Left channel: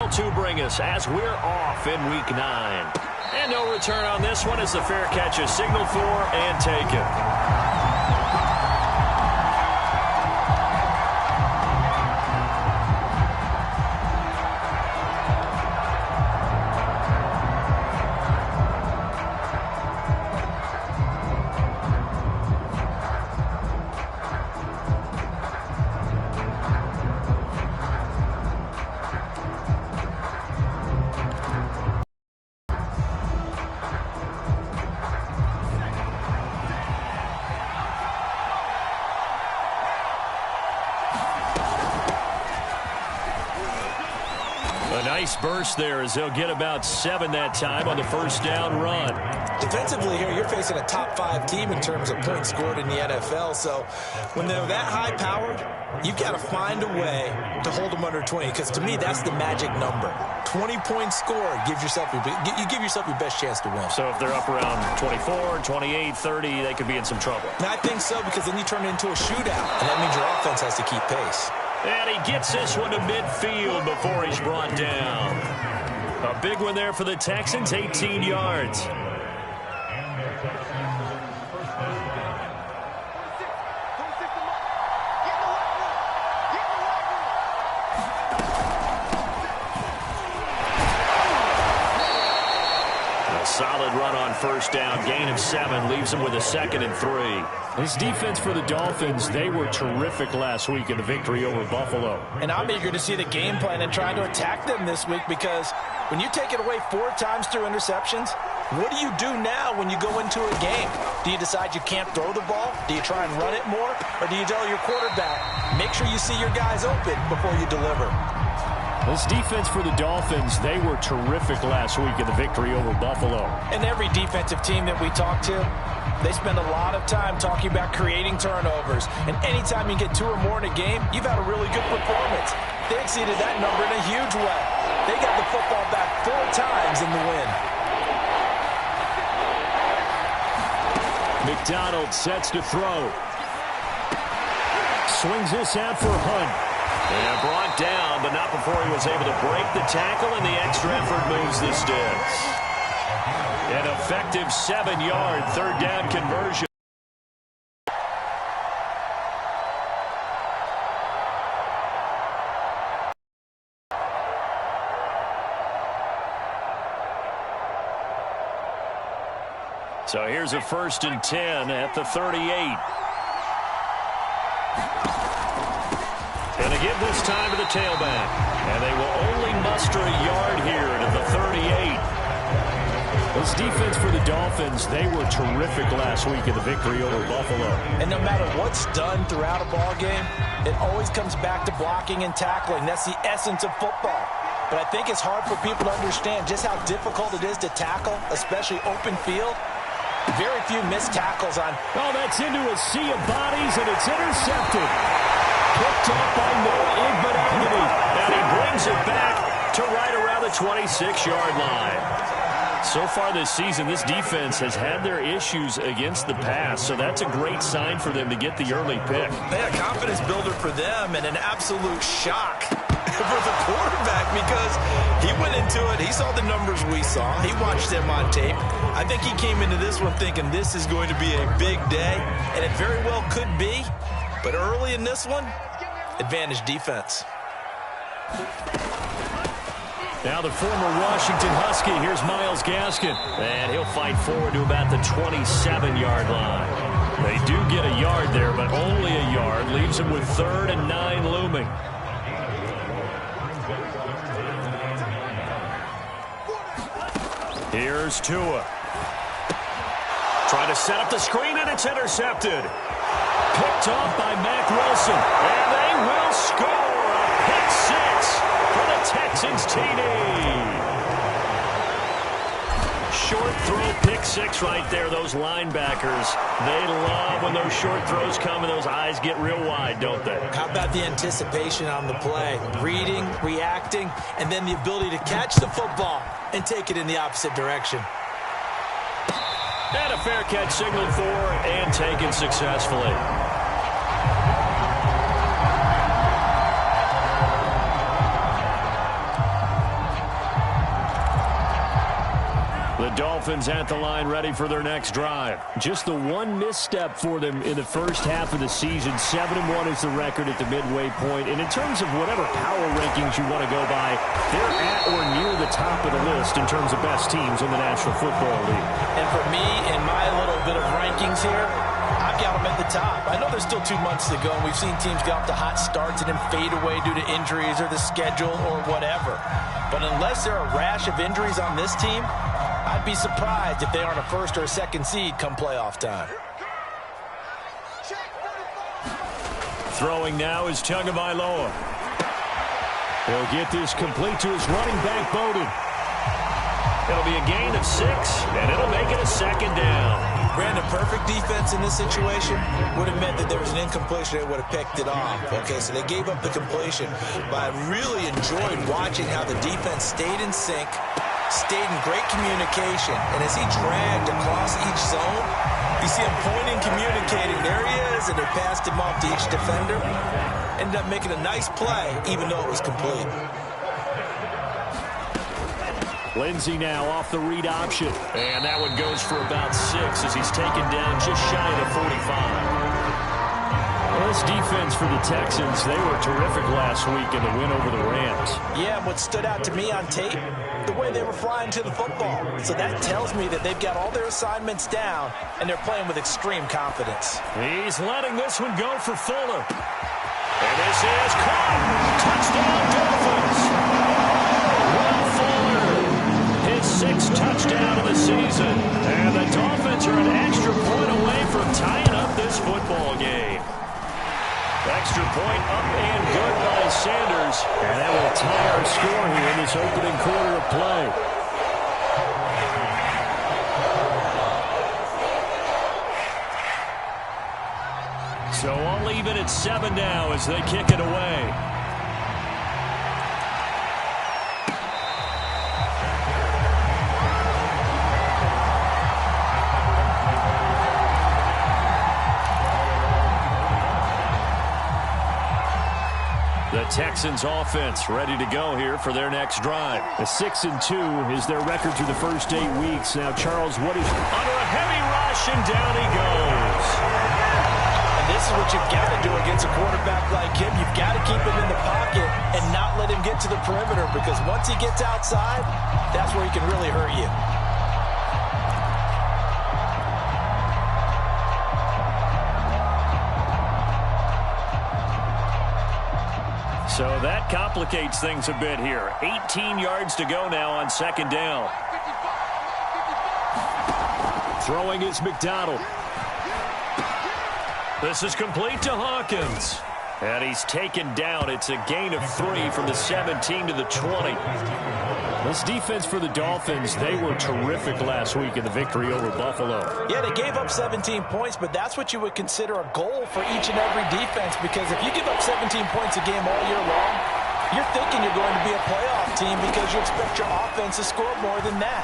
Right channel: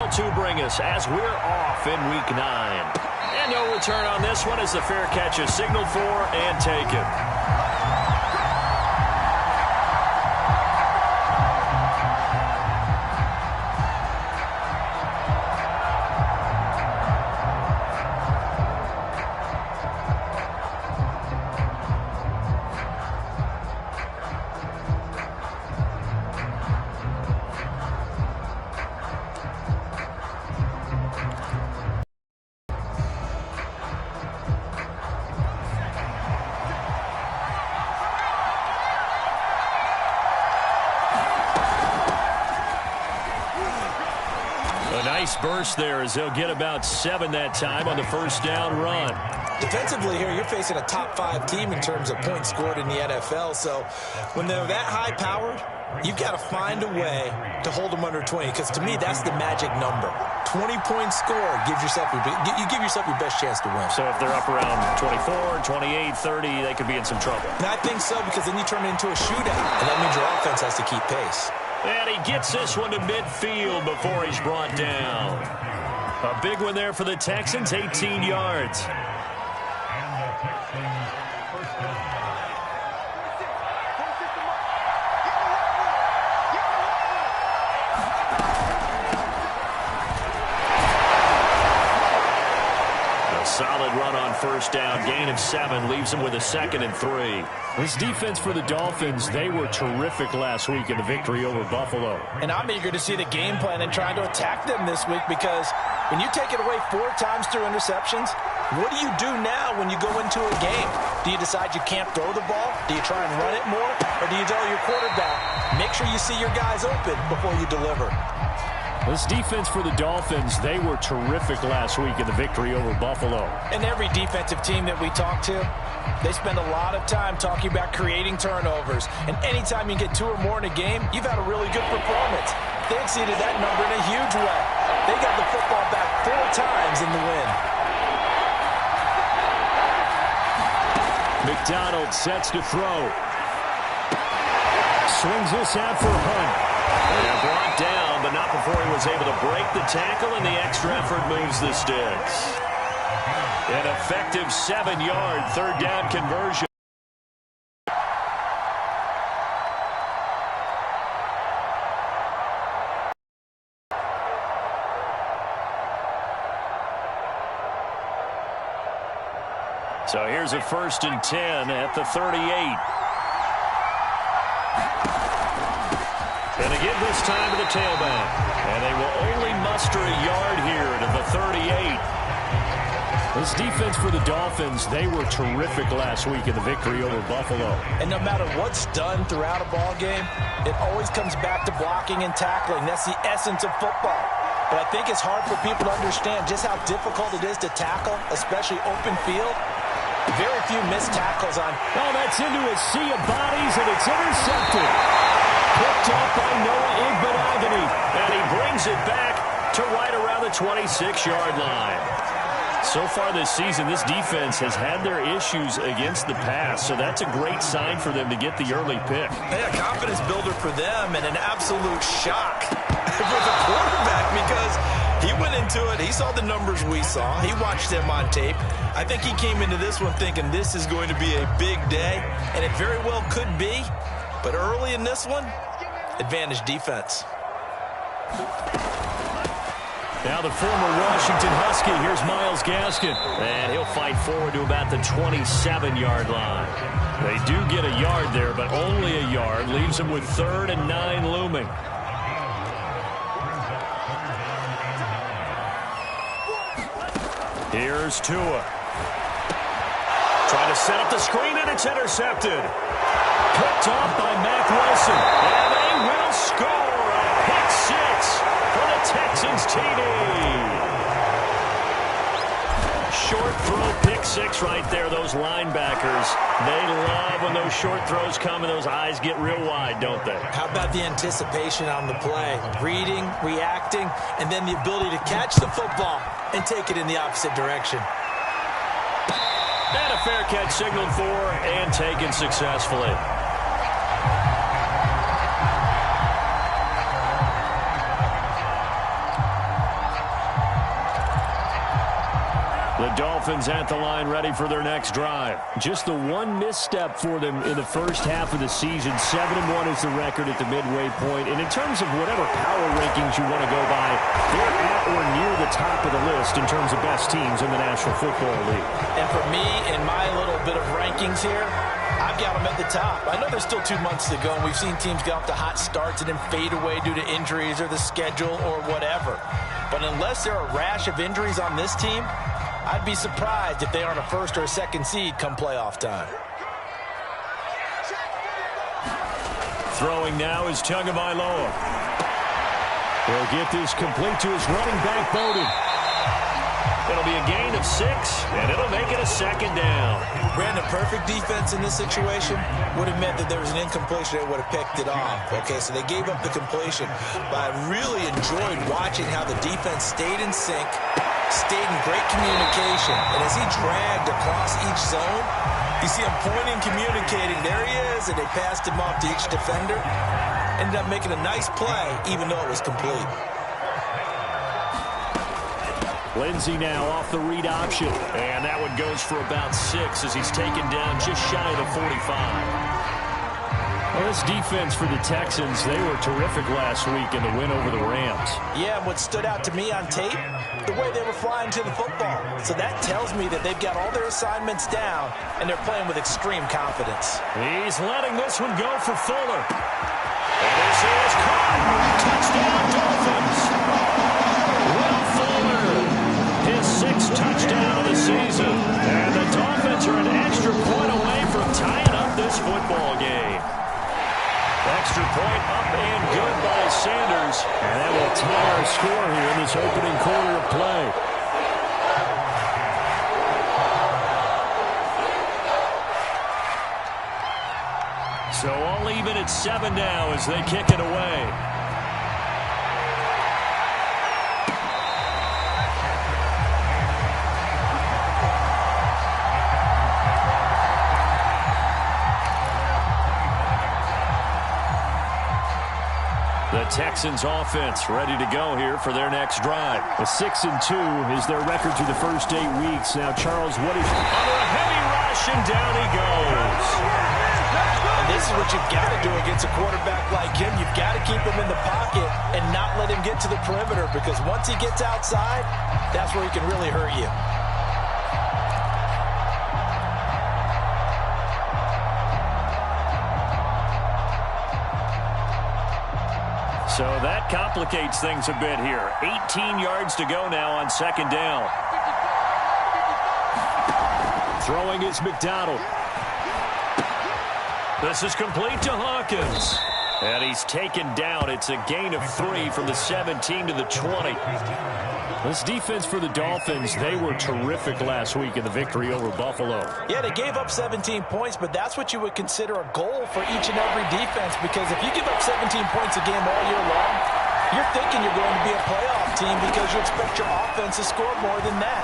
To bring us as we're off in Week 9. And no return on this one as the fair catch is signaled for and taken. A nice burst there as they'll get about 7 that time on the first down run. Defensively here, you're facing a top 5 team in terms of points scored in the NFL. So when they're that high-powered, you've got to find a way to hold them under 20. Because to me, that's the magic number. 20 points scored gives yourself you give yourself your best chance to win. So if they're up around 24, 28, 30, they could be in some trouble. And I think so, because then you turn it into a shootout, and that means your offense has to keep pace. And he gets this one to midfield before he's brought down. A big one there for the Texans, 18 yards. A solid run on first down, gain of 7, leaves him with a 2nd and 3. This defense for the Dolphins, they were terrific last week in the victory over Buffalo. And I'm eager to see the game plan and trying to attack them this week, because when you take it away 4 times through interceptions, what do you do now when you go into a game? Do you decide you can't throw the ball? Do you try and run it more? Or do you tell your quarterback, make sure you see your guys open before you deliver? This defense for the Dolphins, they were terrific last week in the victory over Buffalo. And every defensive team that we talk to, they spend a lot of time talking about creating turnovers. And anytime you get 2 or more in a game, you've had a really good performance. They exceeded that number in a huge way. They got the football back 4 times in the win. McDonald sets to throw. Swings this out for Hunt. And brought down, but not before he was able to break the tackle, and the extra effort moves the sticks. An effective 7-yard third down conversion. So here's a 1st and 10 at the 38. And again this time to the tailback. And they will only muster a yard here to the 38. This defense for the Dolphins, they were terrific last week in the victory over Buffalo. And no matter what's done throughout a ball game, it always comes back to blocking and tackling. That's the essence of football. But I think it's hard for people to understand just how difficult it is to tackle, especially open field. Very few missed tackles on. Oh, that's into a sea of bodies, and it's intercepted. Picked off by Noah Igbinoghene. And he brings it back to right around the 26-yard line. So far this season, this defense has had their issues against the pass, so that's a great sign for them to get the early pick. A confidence builder for them, and an absolute shock for the quarterback, because he went into it, he saw the numbers we saw, he watched them on tape. I think he came into this one thinking this is going to be a big day, and it very well could be, but early in this one, advantage defense. Now the former Washington Husky, here's Myles Gaskin. And he'll fight forward to about the 27-yard line. They do get a yard there, but only a yard. Leaves him with 3rd and 9 looming. Here's Tua. Trying to set up the screen, and it's intercepted. Picked off by Mack Wilson. And they will score a pick 6 for the Texans TD. Short throw, pick 6 right there. Those linebackers, they love when those short throws come and those eyes get real wide, don't they? How about the anticipation on the play? Reading, reacting, and then the ability to catch the football and take it in the opposite direction. And a fair catch signaled for and taken successfully. The Dolphins at the line ready for their next drive. Just the one misstep for them in the first half of the season. 7-1 is the record at the midway point. And in terms of whatever power rankings you want to go by, they're at or near the top of the list in terms of best teams in the National Football League. And for me, in my little bit of rankings here, I've got them at the top. I know there's still 2 months to go, and we've seen teams get off to hot starts and then fade away due to injuries or the schedule or whatever. But unless there are a rash of injuries on this team, I'd be surprised if they aren't a first or a second seed come playoff time. Throwing now is Tagovailoa. He'll get this complete to his running back, Bowden. It'll be a gain of 6, and it'll make it a second down. Brandon, perfect defense in this situation would have meant that there was an incompletion. They would have picked it off. Okay, so they gave up the completion. But I really enjoyed watching how the defense stayed in sync, stayed in great communication. And as he dragged across each zone, you see him pointing, communicating. There he is, and they passed him off to each defender. Ended up making a nice play, even though it was complete. Lindsey now off the read option. And that one goes for about 6 as he's taken down just shy of the 45. Well, this defense for the Texans, they were terrific last week in the win over the Rams. Yeah, and what stood out to me on tape, the way they were flying to the football. So that tells me that they've got all their assignments down, and they're playing with extreme confidence. He's letting this one go for Fuller. And this is caught. Touchdown, Dolphins. Will Fuller, his 6th touchdown of the season. And the Dolphins are an extra point away from tying up this football game. Extra point up and good by Sanders. And that will tie our score here in this opening quarter of play. So all even at 7 now as they kick it away. The Texans offense ready to go here for their next drive. A 6-2 is their record through the first 8 weeks. Now, Charles, what is... Under a heavy rush, and down he goes. And this is what you've got to do against a quarterback like him. You've got to keep him in the pocket and not let him get to the perimeter, because once he gets outside, that's where he can really hurt you. So that complicates things a bit here. 18 yards to go now on 2nd down. Throwing is McDonald. This is complete to Hawkins. And he's taken down. It's a gain of 3 from the 17 to the 20. This defense for the Dolphins, they were terrific last week in the victory over Buffalo. Yeah, they gave up 17 points, but that's what you would consider a goal for each and every defense, because if you give up 17 points a game all year long, you're thinking you're going to be a playoff team because you expect your offense to score more than that.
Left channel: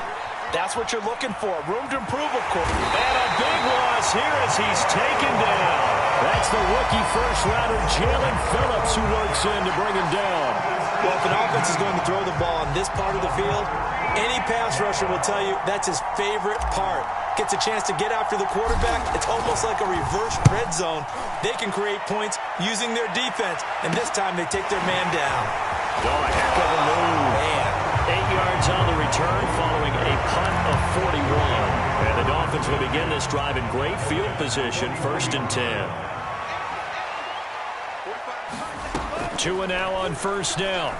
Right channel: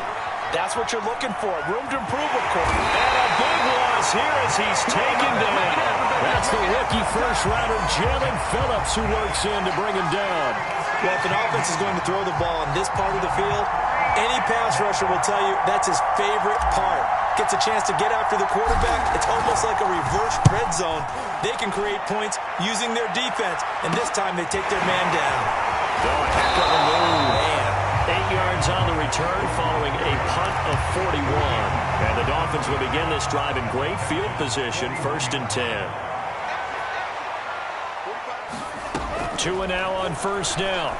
That's what you're looking for. Room to improve, of course. And a big loss here as he's taken down. That's the rookie first-rounder, Jalen Phillips, who works in to bring him down. Well, if an offense is going to throw the ball on this part of the field, any pass rusher will tell you that's his favorite part. Gets a chance to get after the quarterback. It's almost like a reverse red zone. They can create points using their defense, and this time they take their man down. Oh, a heck of a move. Man. 8 yards on the return following a punt of 41. And the Dolphins will begin this drive in great field position, 1st and 10. 2 and now on 1st down.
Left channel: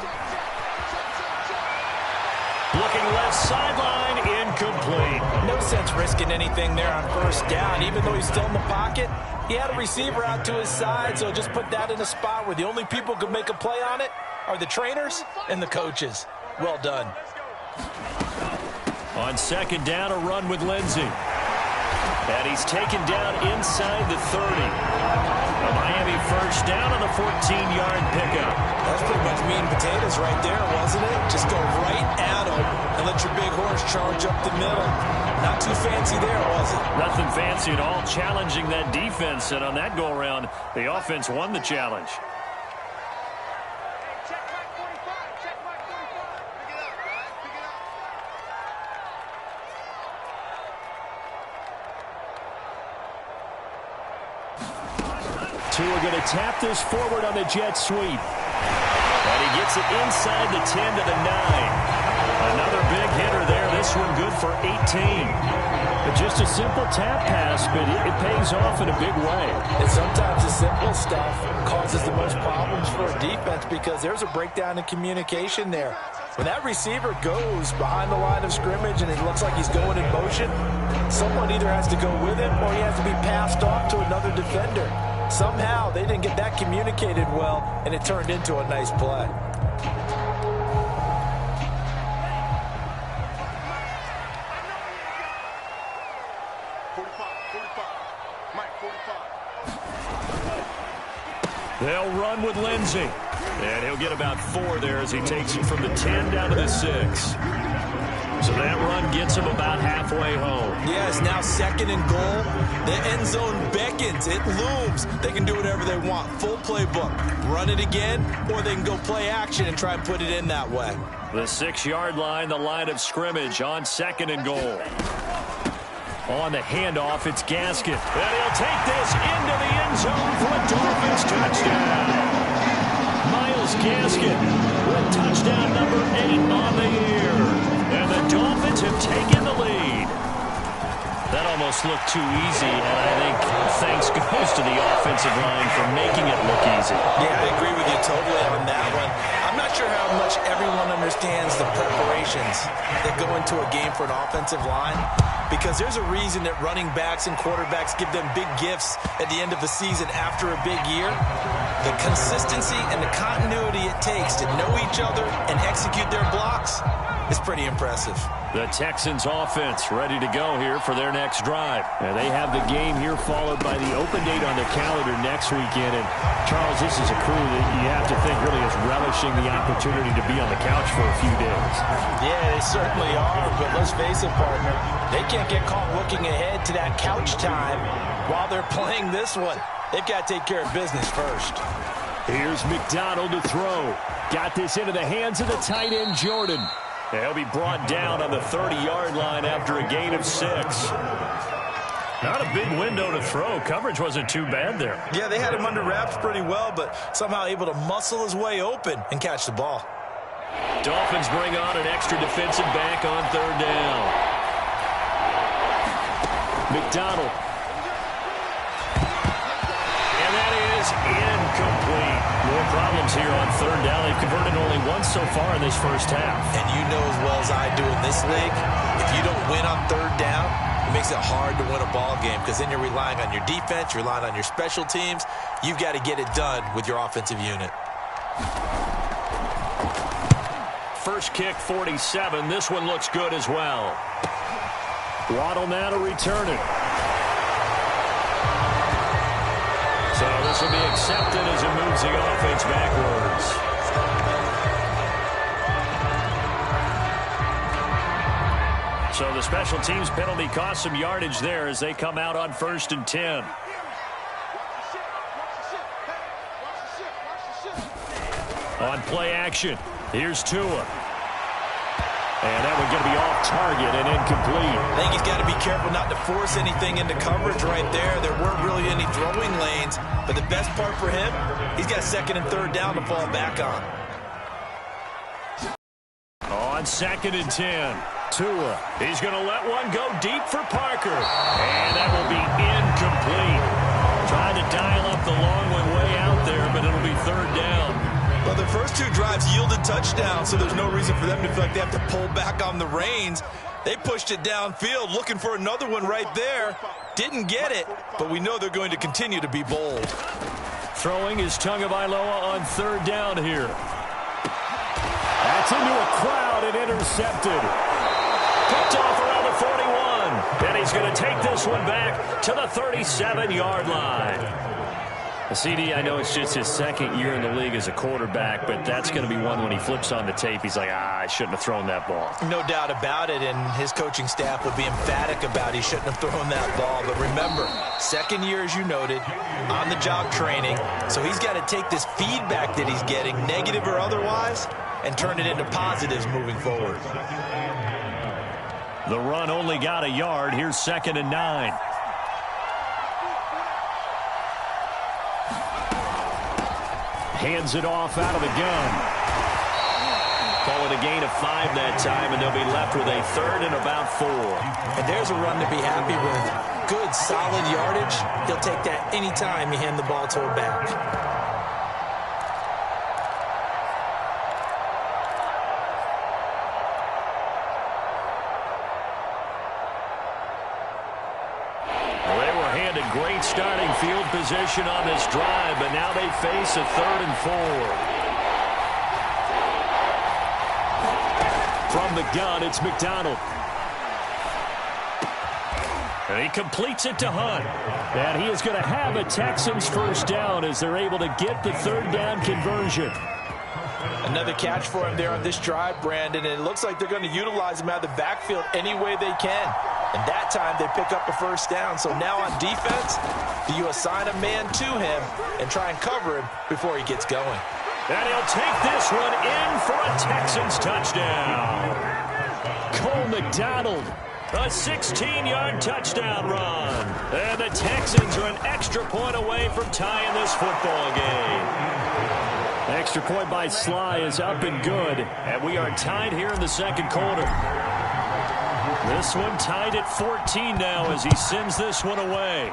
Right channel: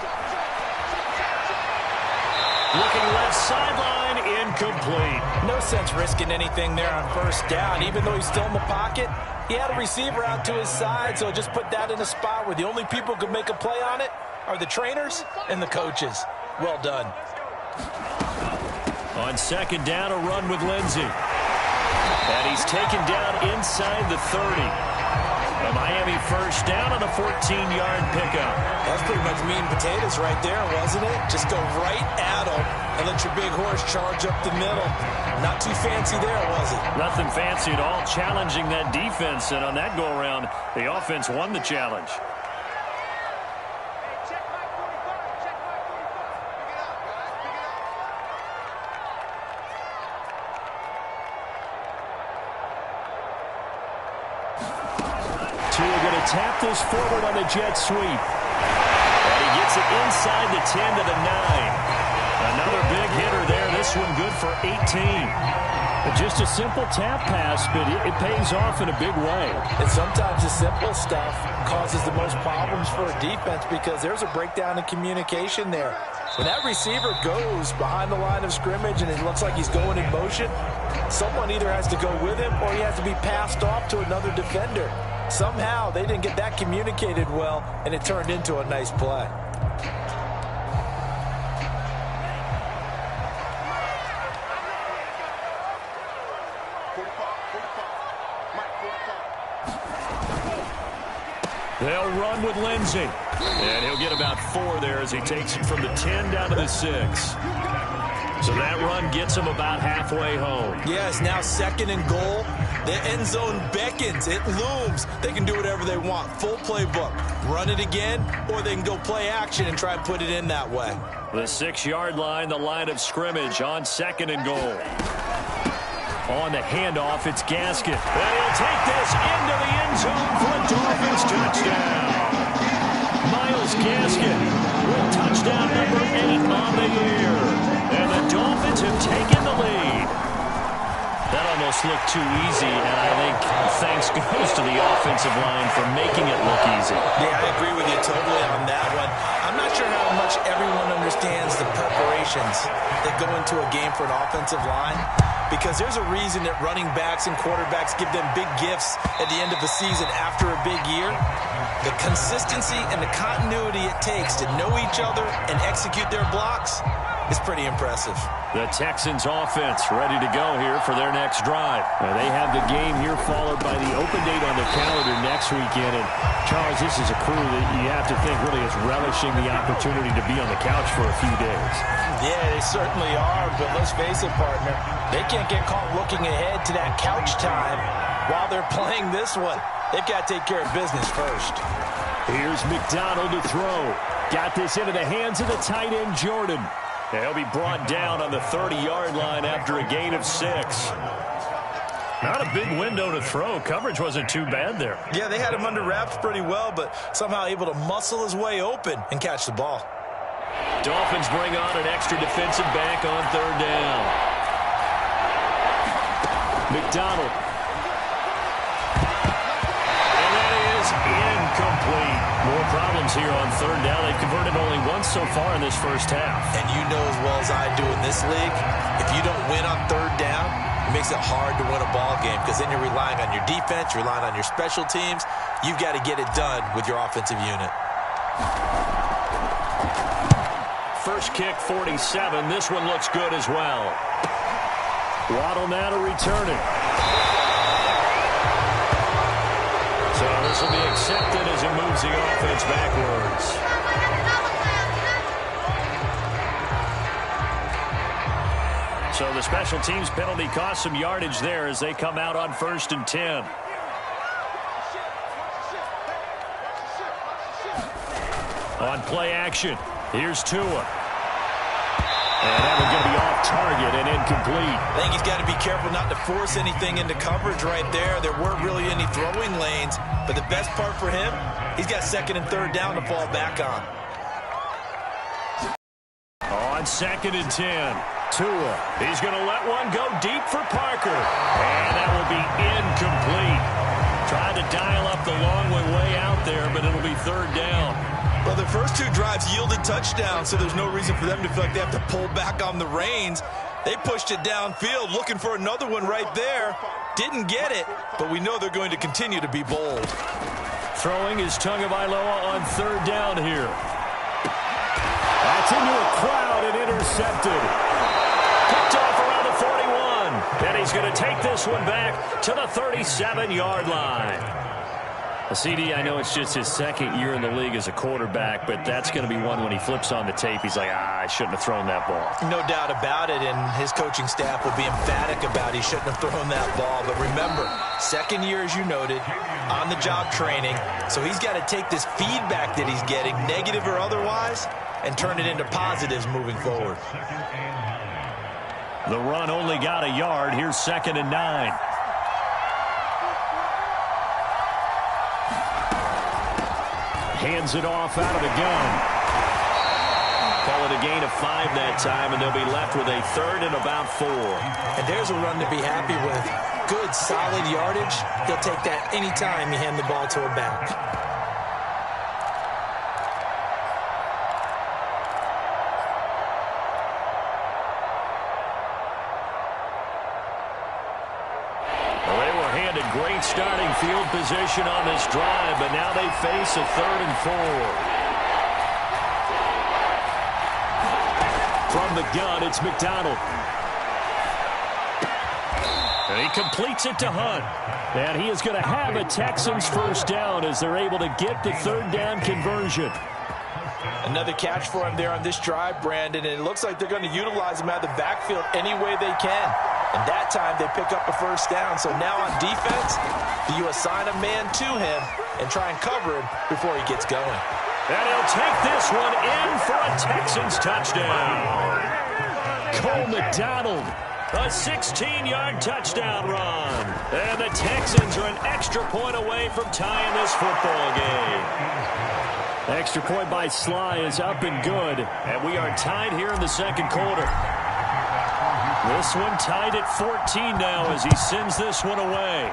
Looking left sideline, incomplete. No sense risking anything there on 1st down. Even though he's still in the pocket, he had a receiver out to his side, so just put that in a spot where the only people who can make a play on it are the trainers and the coaches. Well done. On 2nd down, a run with Lindsey. And he's taken down inside the 30. A Miami 1st down on the 14-yard pickup. That's pretty much meat and potatoes right there, wasn't it? Just go right at him and let your big horse charge up the middle. Not too fancy there, was it? Nothing fancy at all, challenging that defense. And on that go-around, the offense won the challenge. Tua going to tap this forward on the jet sweep. And he gets it inside the 10 to the 9. Another big hitter there. This one good for 18. But just a simple tap pass, but it pays off in a big way. And sometimes the simple stuff causes the most problems for a defense because there's a breakdown in communication there. When that receiver goes behind the line of scrimmage and it looks like he's going in motion, someone either has to go with him or he has to be passed off to another defender. Somehow they didn't get that communicated well, and it turned into a nice play. They'll run with Lindsey. And he'll get about 4 there as he takes it from the 10 down to the 6. So that run gets him about halfway home. Yes, now 2nd and goal. The end zone beckons. It looms. They can do whatever they want. Full playbook. Run it again, or they can go play action and try and put it in that way. The 6-yard line, the line of scrimmage on 2nd and goal. On the handoff, it's Gaskin. And he'll take this into the end zone for a Dolphins touchdown. Myles Gaskin with touchdown number 8 on the year. And the Dolphins have taken the lead. That almost looked too easy, and I think thanks goes to the offensive line for making it look easy. Yeah, I agree with you totally on that one. I'm not sure how much everyone understands the preparations that go into a game for an offensive line, because there's a reason that running backs and quarterbacks give them big gifts at the end of the season after a big year. The consistency and the continuity it takes to know each other and execute their blocks is pretty impressive. The Texans offense ready to go here for their next drive. And they have the game here followed by the open date on their calendar next weekend. And Charles, this is a crew that you have to think really is relishing the opportunity to be on the couch for a few days. Yeah, they certainly are, but let's face it, partner, they can't get caught looking ahead to that couch time while they're playing this one. They've got to take care of business first. Here's McDonald to throw. Got this into the hands of the tight end, Jordan. He'll be brought down on the 30-yard line after a gain of 6. Not a big window to throw. Coverage wasn't too bad there. Yeah, they had him under wraps pretty well, but somehow able to muscle his way open and catch the ball. Dolphins bring on an extra defensive back on 3rd down. McDonald. And that is incomplete. More problems here on 3rd down. They've converted only once so far in this first half. And you know as well as I do in this league, if you don't win on 3rd down, it makes it hard to win a ball game because then you're relying on your defense, you're relying on your special teams. You've got to get it done with your offensive unit. First kick, 47. This one looks good as well. Waddle now to return it. So this will be accepted as it moves the offense backwards. So the special teams penalty cost some yardage there as they come out on 1st and 10. On play action, here's Tua. And that one's going to be off target and incomplete. I think he's got to be careful not to force anything into coverage right there. There weren't really any throwing lanes, but the best part for him, he's got 2nd and 3rd down to fall back on. On 2nd and 10, Tua. He's going to let one go deep for Parker. And that will be incomplete. Trying to dial up the long way out there, but it'll be 3rd down. Well, the first 2 drives yielded touchdowns, so there's no reason for them to feel like they have to pull back on the reins. They pushed it downfield, looking for another one right there. Didn't get it, but we know they're going to continue to be bold. Throwing is Tagovailoa on 3rd down here. That's into a crowd and intercepted. Picked off around the 41. And he's going to take this one back to the 37-yard line. CD, I know it's just his 2nd year in the league as a quarterback, but that's going to be one when he flips on the tape, he's like, I shouldn't have thrown that ball. No doubt about it, and his coaching staff will be emphatic about he shouldn't have thrown that ball. But remember, 2nd year, as you noted, on-the-job training, so he's got to take this feedback that he's getting, negative or otherwise, and turn it into positives moving forward. The run only got a yard. Here's 2nd and 9. Hands it off out of the gun. Call it a gain of 5 that time, and they'll be left with a 3rd and about 4. And there's a run to be happy with. Good, solid yardage. He'll take that anytime you hand the ball to a back. Well, they were handed great starting field position on this drive, but now they face a 3rd and 4. From the gun, it's McDonald. And he completes it to Hunt. And he is going to have a Texans first down as they're able to get the 3rd down conversion. Another catch for him there on this drive, Brandon, and it looks like they're going to utilize him out of the backfield any way they can. And that time they pick up a first down. So now on defense, do you assign a man to him and try and cover him before he gets going? And he'll take this one in for a Texans touchdown. Cole McDonald. A 16-yard touchdown run. And the Texans are an extra point away from tying this football game. Extra point by Sly is up and good. And we are tied here in the second quarter. This one tied at 14 now as he sends this one away.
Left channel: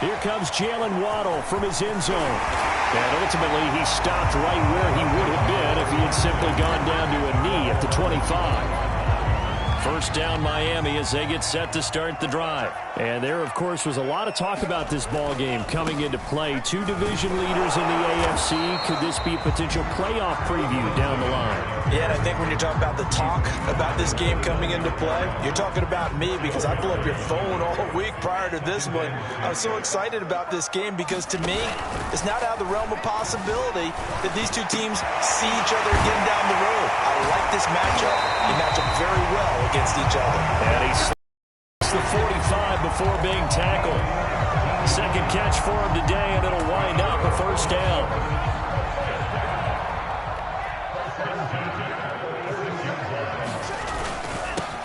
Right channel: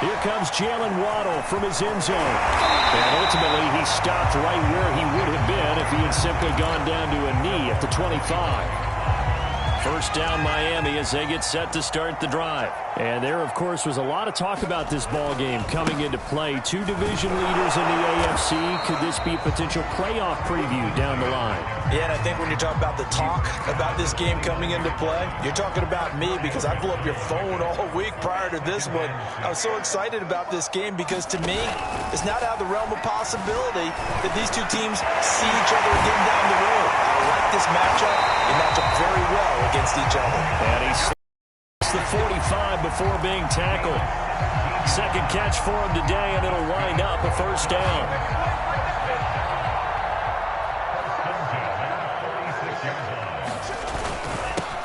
Here comes Jalen Waddle from his end zone. And ultimately, he stopped right where he would have been if he had simply gone down to a knee at the 25. First down Miami as they get set to start the drive. And there, of course, was a lot of talk about this ball game coming into play. 2 division leaders in the AFC. Could this be a potential playoff preview down the line? Yeah, and I think when you're talking about the talk about this game coming into play, you're talking about me because I blew up your phone all week prior to this one. I was so excited about this game because to me, it's not out of the realm of possibility that these two teams see each other again down the road. I like this matchup. They match up very well against each other. And he the 45 before being tackled. Second catch for him today, and it'll wind up a first down.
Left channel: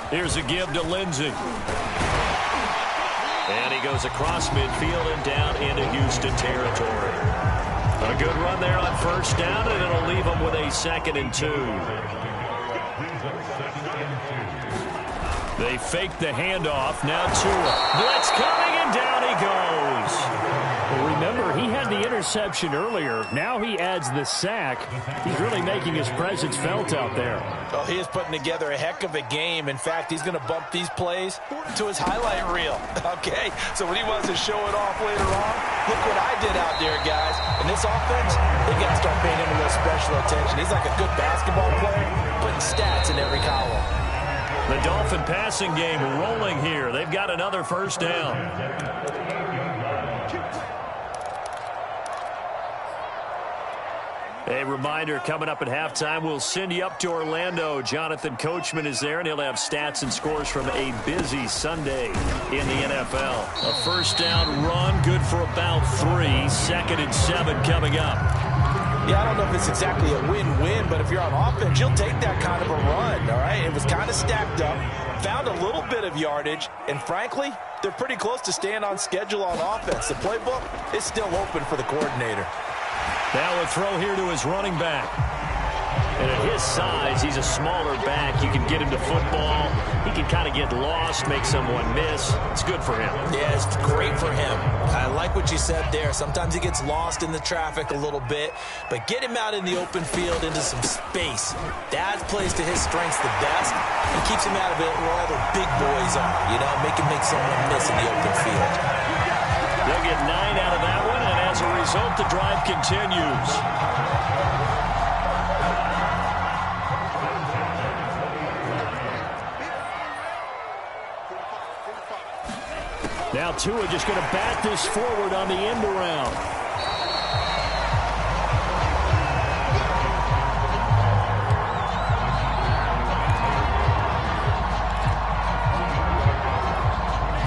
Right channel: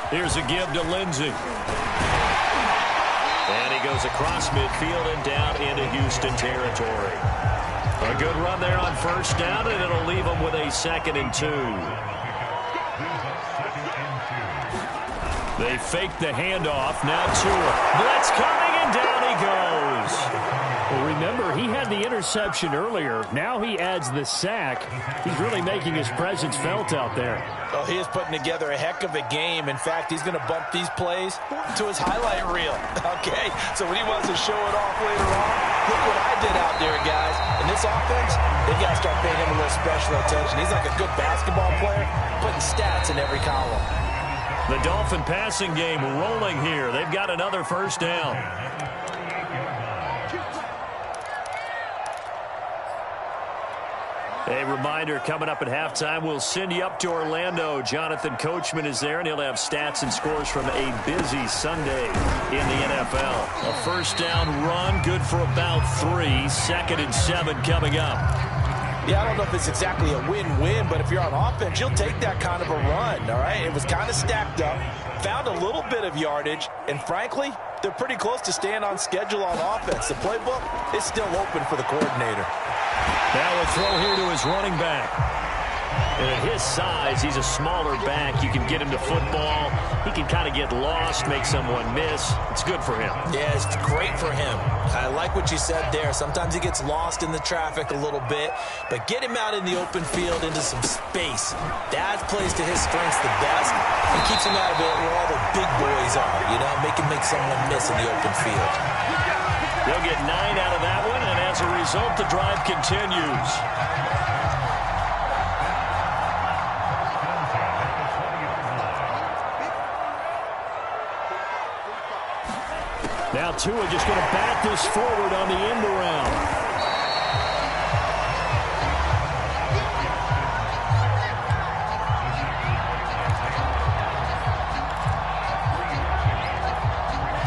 Here's a give to Lindsey. And he goes across midfield and down into Houston territory. A good run there on first down, and it'll leave him with a 2nd and 2. They fake the handoff. Now Tua. Blitz coming, and down he goes. Well, remember, he had the interception earlier. Now he adds the sack. He's really making his presence felt out there. Oh, he is putting together a heck of a game. In fact, he's going to bump these plays to his highlight reel. Okay, so when he wants to show it off later on, look what I did out there, guys. In this offense, they got to start paying him a little special attention. He's like a good basketball player, putting stats in every column. The Dolphin passing game rolling here. They've got another first down. A reminder, coming up at halftime, we'll send you up to Orlando. Jonathan Coachman is there, and he'll have stats and scores from a busy Sunday in the NFL. A first down run, good for about 3. 2nd and 7 coming up. Yeah, I don't know if it's exactly a win-win, but if you're on offense, you'll take that kind of a run, all right? It was kind of stacked up, found a little bit of yardage, and frankly, they're pretty close to staying on schedule on offense. The playbook is still open for the coordinator. Now a throw here to his running back. And at his size, he's a smaller back. You can get him to football. He can kind of get lost, make someone miss. It's good for him. Yeah, it's great for him. I like what you said there. Sometimes he gets lost in the traffic a little bit, but get him out in the open field into some space. That plays to his strengths the best and keeps him out of it where all the big boys are, you know, make him make someone miss in the open field. They'll get 9 out of that one, and as a result, the drive continues. Now Tua just going to bat this forward on the end around.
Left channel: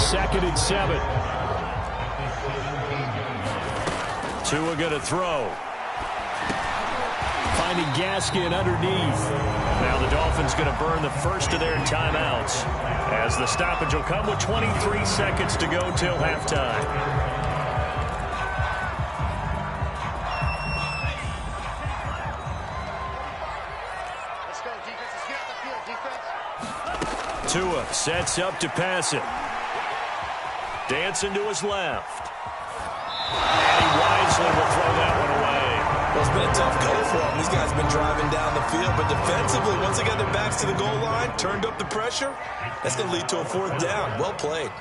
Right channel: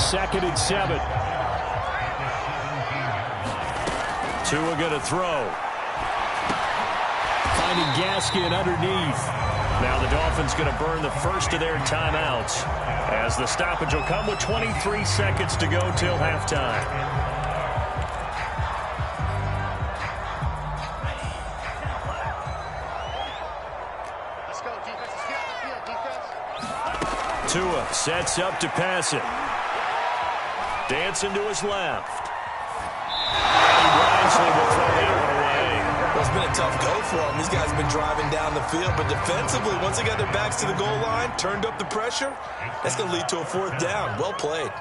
Second and 7. Tua going to throw. Finding Gaskin underneath. Now the Dolphins going to burn the first of their timeouts as the stoppage will come with 23 seconds to go till halftime. Tua sets up to pass it. Dancing to his left. And he wisely will throw that one away. Well, it's been a tough go for them. These guys have been driving down the field, but defensively, once they got their backs to the goal line, turned up the pressure, that's going to lead to a 4th down. Well played.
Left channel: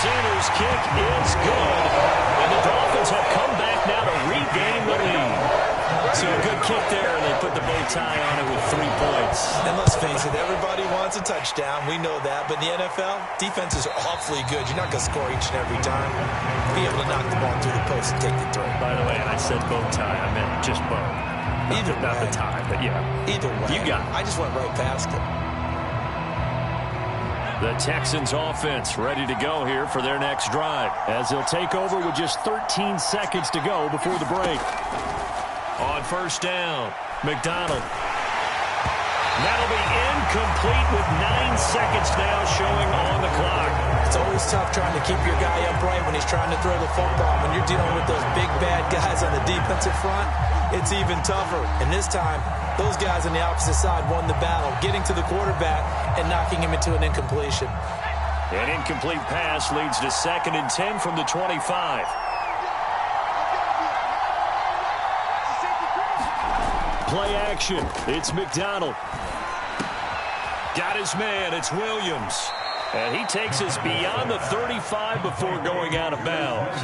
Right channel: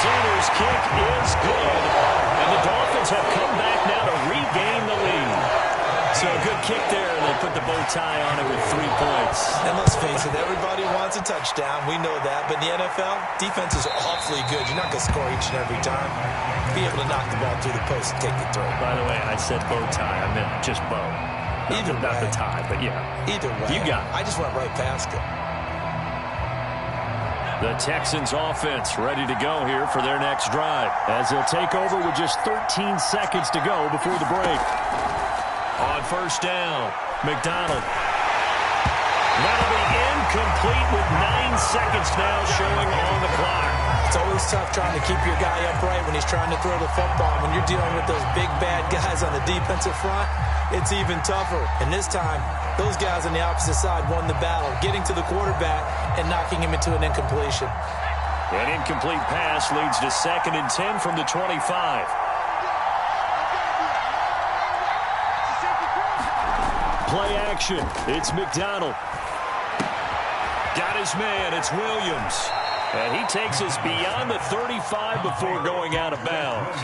Sanders' kick is good, and the Dolphins have come back now to regain the lead. So a good kick there, and they put the bow tie on it with 3 points. And let's face it, everybody wants a touchdown. We know that. But in the NFL, defenses are awfully good. You're not going to score each and every time. Be able to knock the ball through the post and take the throw. By the way, I said bow tie. I meant just bow. Not the tie, but yeah. Either way. You got it. I just went right past it. The Texans offense ready to go here for their next drive, as they'll take over with just 13 seconds to go before the break. On 1st down, McDonald. That'll be incomplete with 9 seconds now showing on the clock. It's always tough trying to keep your guy upright when he's trying to throw the football. When you're dealing with those big, bad guys on the defensive front, it's even tougher. And this time, those guys on the opposite side won the battle, getting to the quarterback and knocking him into an incompletion. An incomplete pass leads to 2nd and 10 from the 25. Play action. It's McDonald. Got his man. It's Williams. And he takes us beyond the 35 before going out of bounds.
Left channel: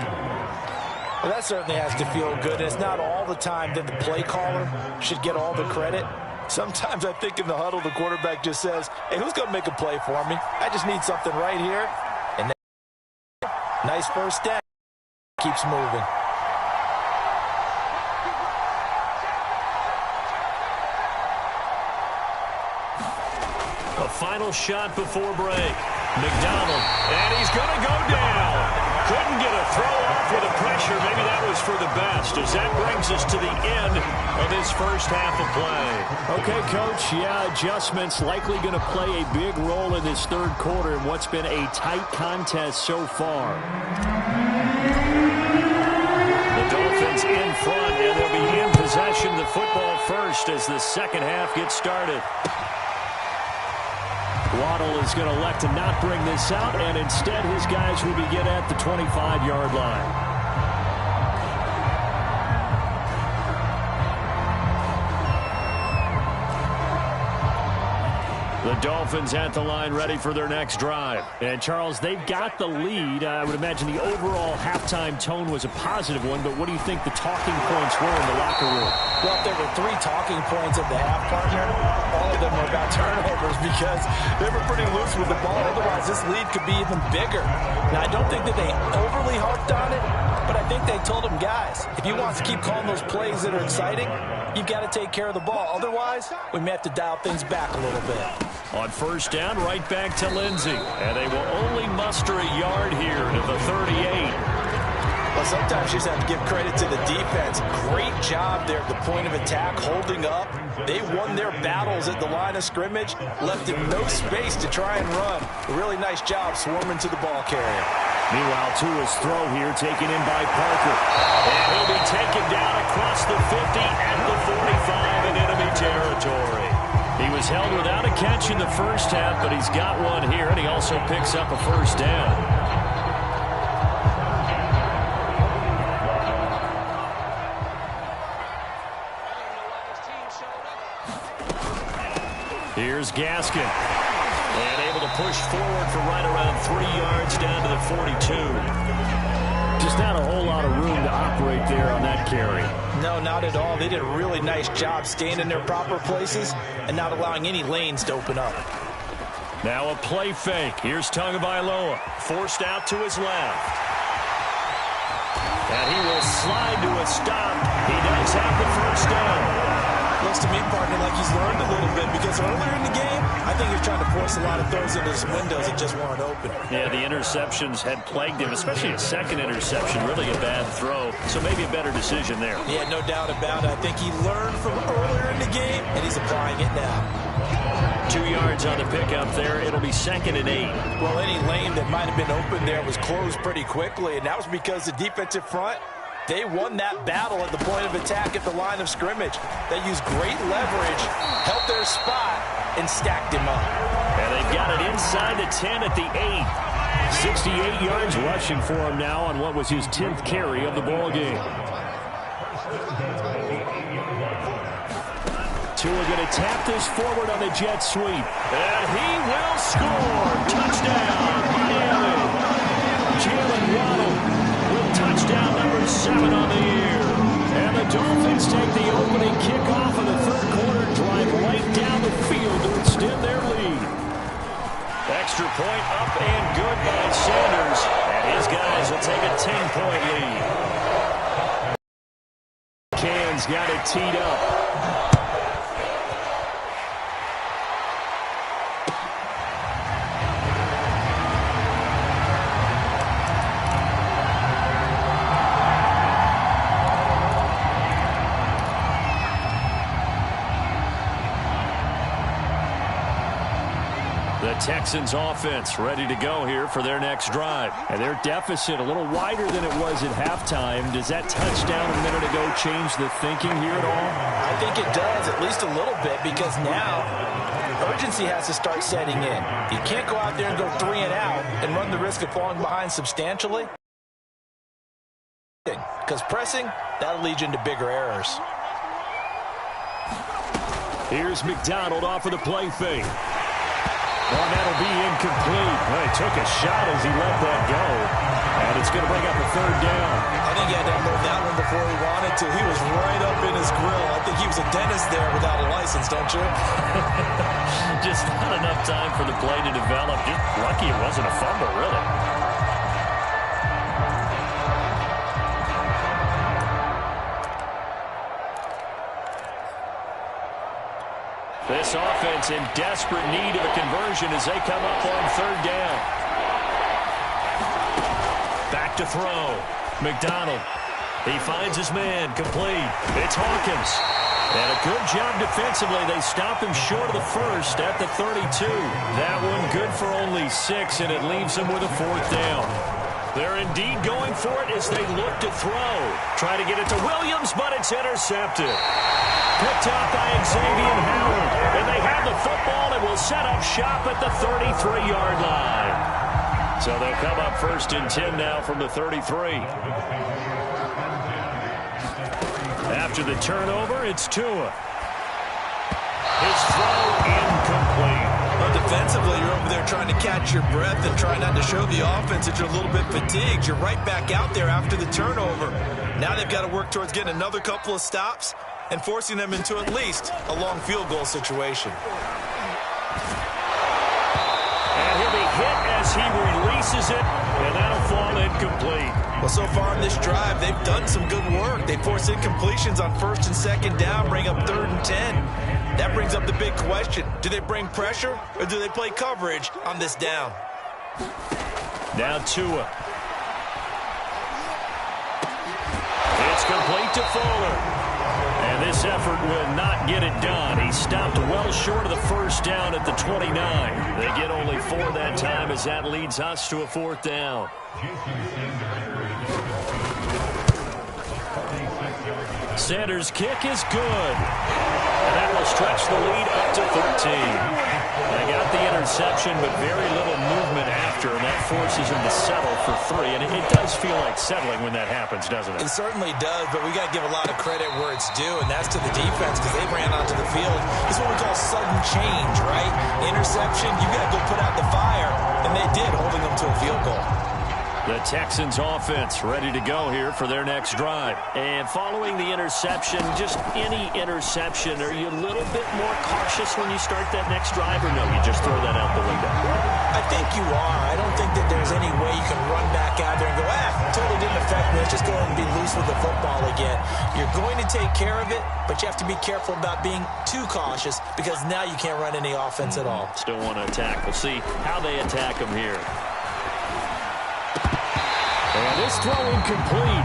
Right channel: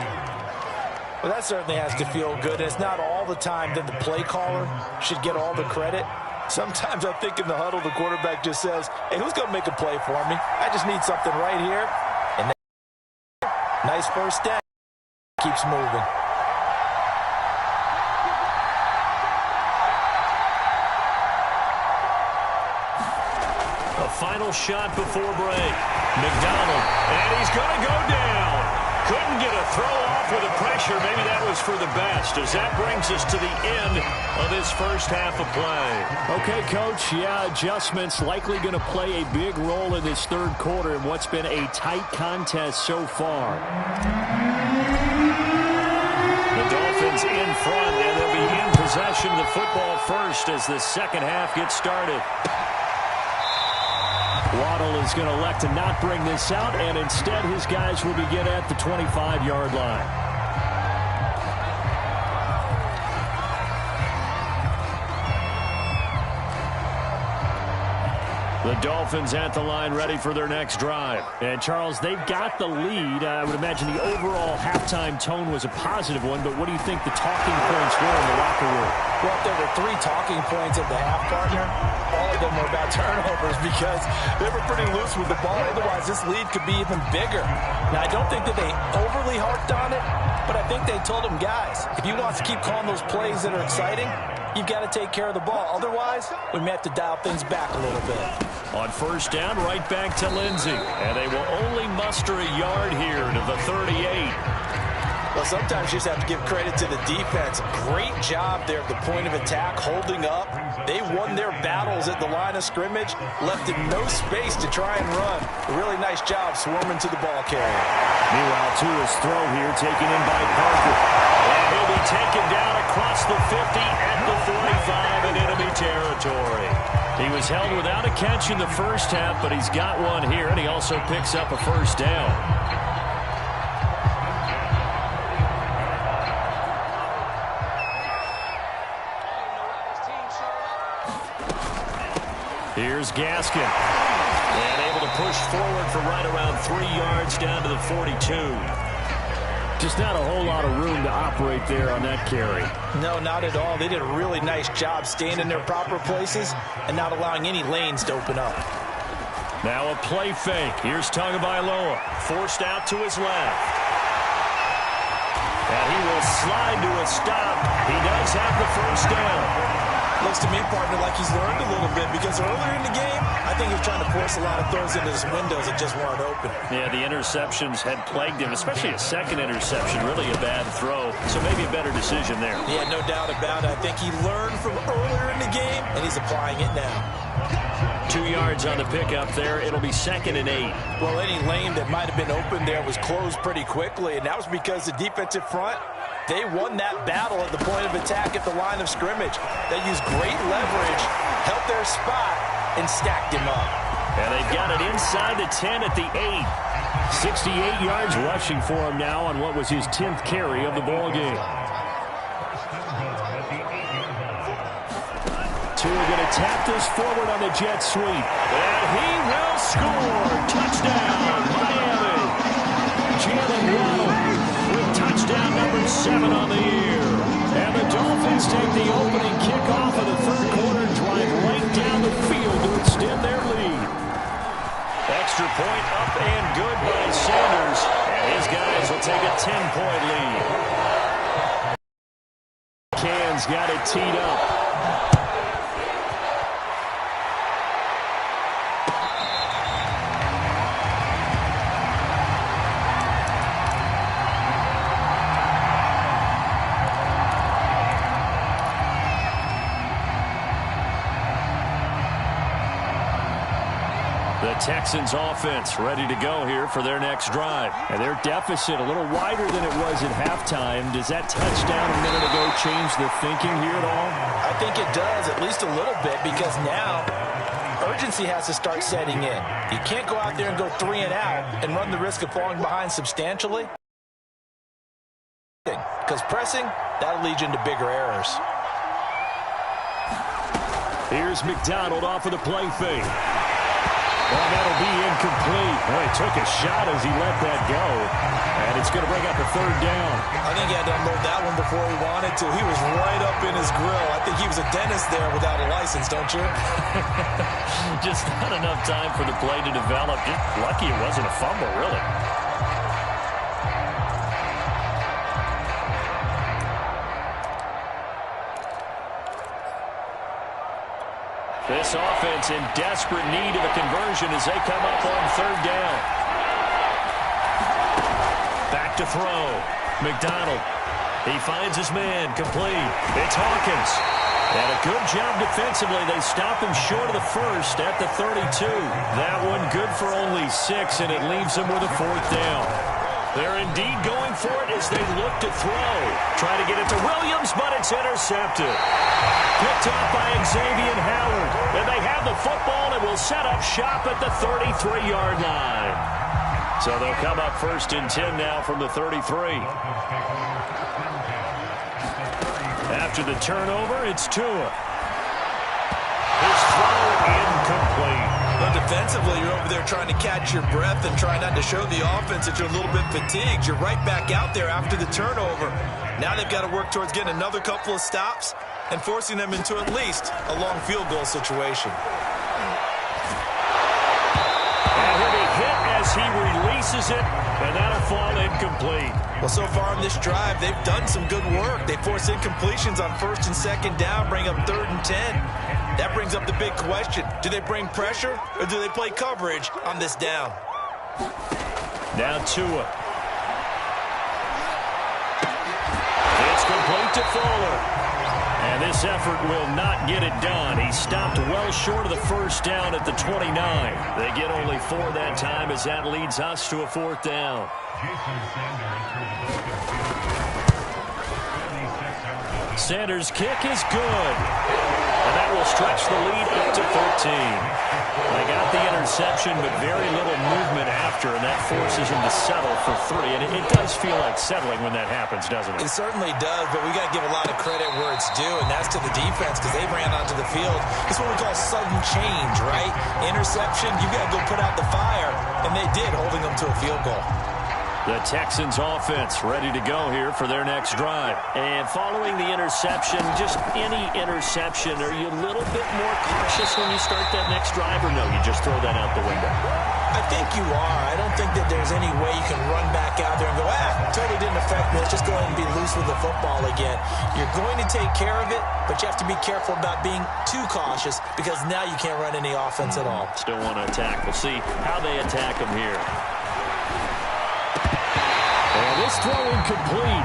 Well, that certainly has to feel good. And it's not all the time that the play caller should get all the credit. Sometimes I think in the huddle, the quarterback just says, hey, who's going to make a play for me? I just need something right here. And nice 1st down. Keeps moving. A final shot before break. McDonald, and he's going to go down. Couldn't get a throw off with the pressure. Maybe that was for the best, as that brings us to the end of this first half of play. Okay, Coach, yeah, adjustments likely going to play a big role in this 3rd quarter in what's been a tight contest so far. The Dolphins in front, and they'll be in possession of the football first as the 2nd half gets started. Waddle is going to elect to not bring this out, and instead his guys will begin at the 25-yard line. The Dolphins at the line ready for their next drive. And, Charles, they've got the lead. I would imagine the overall halftime tone was a positive one, but what do you think the talking points were in the locker room? Well, if there were 3 talking points at the half, partner, all of them were about turnovers because they were pretty loose with the ball. Otherwise, this lead could be even bigger. Now, I don't think that they overly harped on it, but I think they told them, guys, if you want to keep calling those plays that are exciting, you've got to take care of the ball. Otherwise, we may have to dial things back a little bit. On 1st down, right back to Lindsey. And they will only muster a yard here to the 38. Well, sometimes you just have to give credit to the defense. Great job there at the point of attack, holding up. They won their battles at the line of scrimmage, left him no space to try and run. A really nice job swarming to the ball carrier. Meanwhile, Tua's throw here taken in by Parker. And he'll be taken down across the 50 at the 45 in enemy territory. He was held without a catch in the first half, but he's got one here, and he also picks up a 1st down. Here's Gaskin. And able to push forward for right around 3 yards down to the 42. Just not a whole lot of room to operate there on that carry. No, not at all. They did a really nice job staying in their proper places and not allowing any lanes to open up. Now a play fake. Here's Tagovailoa. Forced out to his left. And he will slide to a stop. He does have the 1st down. Looks to me, partner, like he's learned a little bit because earlier in the game, I think he was trying to force a lot of throws into his windows that just weren't open. Yeah, the interceptions had plagued him, especially a 2nd interception, really a bad throw. So maybe a better decision there. Yeah, no doubt about it. I think he learned from earlier in the game, and he's applying it now. 2 yards on the pickup there. It'll be 2nd and 8. Well, any lane that might have been open there was closed pretty quickly, and that was because the defensive front, They won that battle at the point of attack at the line of scrimmage. They used great leverage, held their spot, and stacked him up. And they've got it inside the 10 at the 8. 68 yards rushing for him now on what was his 10th carry of the ball game. Tua going to tap this forward on the jet sweep. And he will score. Touchdown, Miami. Jalen Waddle with touchdown number 7 on the year. And the Dolphins take the opening kickoff of the third quarter, drive right down the field to extend their lead. Extra point up and good by Sanders. And his guys will take a 10-point lead. Can's got it teed up. The Texans offense ready to go here for their next drive. And their deficit a little wider than it was at halftime. Does that touchdown a minute ago change the thinking here at all? I think it does, at least a little bit, because now urgency has to start setting in. You can't go out there and go 3 and out and run the risk of falling behind substantially. Because pressing, that'll lead you into bigger errors. Here's McDonald off of the play fake. Well, that'll be incomplete. Well, he took a shot as he let that go. And it's going to bring up a third down. I think he had to unload that one before he wanted to. He was right up in his grill. I think he was a dentist there without a license, don't you? Just not enough time for the play to develop. Just lucky it wasn't a fumble, really. This offense in desperate need of a conversion as they come up on third down. Back to throw. McDonald. He finds his man. Complete. It's Hawkins. And a good job defensively. They stop him short of the first at the 32. That one good for only 6, and it leaves them with a fourth down. They're indeed going for it as they look to throw. Try to get it to Williams, but it's intercepted. Picked up by Xavier Howard. And they have the football and will set up shop at the 33-yard line. So they'll come up first and 10 now from the 33. After the turnover, it's Tua. His throw incomplete. Well, defensively, you're over there trying to catch your breath and try not to show the offense that you're a little bit fatigued. You're right back out there after the turnover. Now they've got to work towards getting another couple of stops and forcing them into at least a long field goal situation. And he'll be hit as he releases it, and that'll fall incomplete. Well, so far in this drive, they've done some good work. They force incompletions on first and second down, bring up 3rd and 10. That brings up the big question. Do they bring pressure, or do they play coverage on this down? Now Tua. It's complete to Fuller. And this effort will not get it done. He stopped well short of the first down at the 29. They get only 4 that time as that leads us to a 4th down. Sanders' kick is good. And that will stretch the lead up to 13. They got the interception, but very little movement after, and that forces him to settle for 3. And it does feel like settling when that happens, doesn't it? It certainly does, but we got to give a lot of credit where it's due, and that's to the defense because they ran onto the field. It's what we call sudden change, right? Interception, you got to go put out the fire, and they did, holding them to a field goal. The Texans offense ready to go here for their next drive. And following the interception, just any interception, are you a little bit more cautious when you start that next drive, or no, you just throw that out the window? I think you are. I don't think that there's any way you can run back out there and go, totally didn't affect me. Let's just go ahead and be loose with the football again. You're going to take care of it, but you have to be careful about being too cautious because now you can't run any offense at all. Still want to attack. We'll see how they attack them here. And this throw incomplete.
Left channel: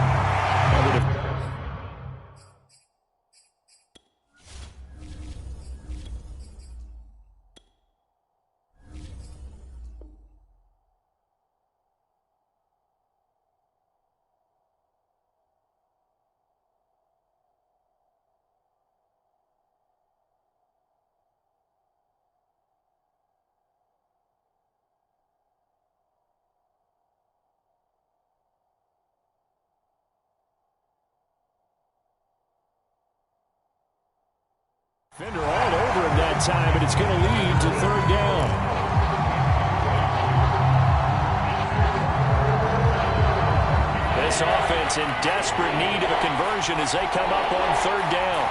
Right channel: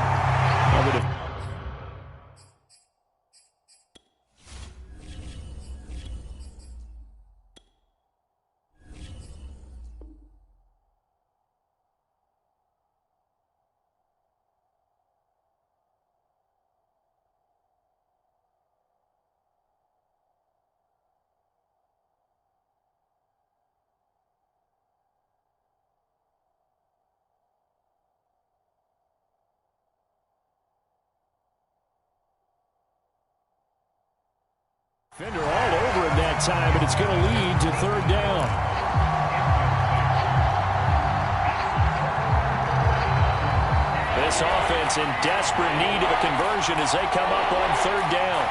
Defender all over him that time, and it's going to lead to third down. This offense in desperate need of a conversion as they come up on third down.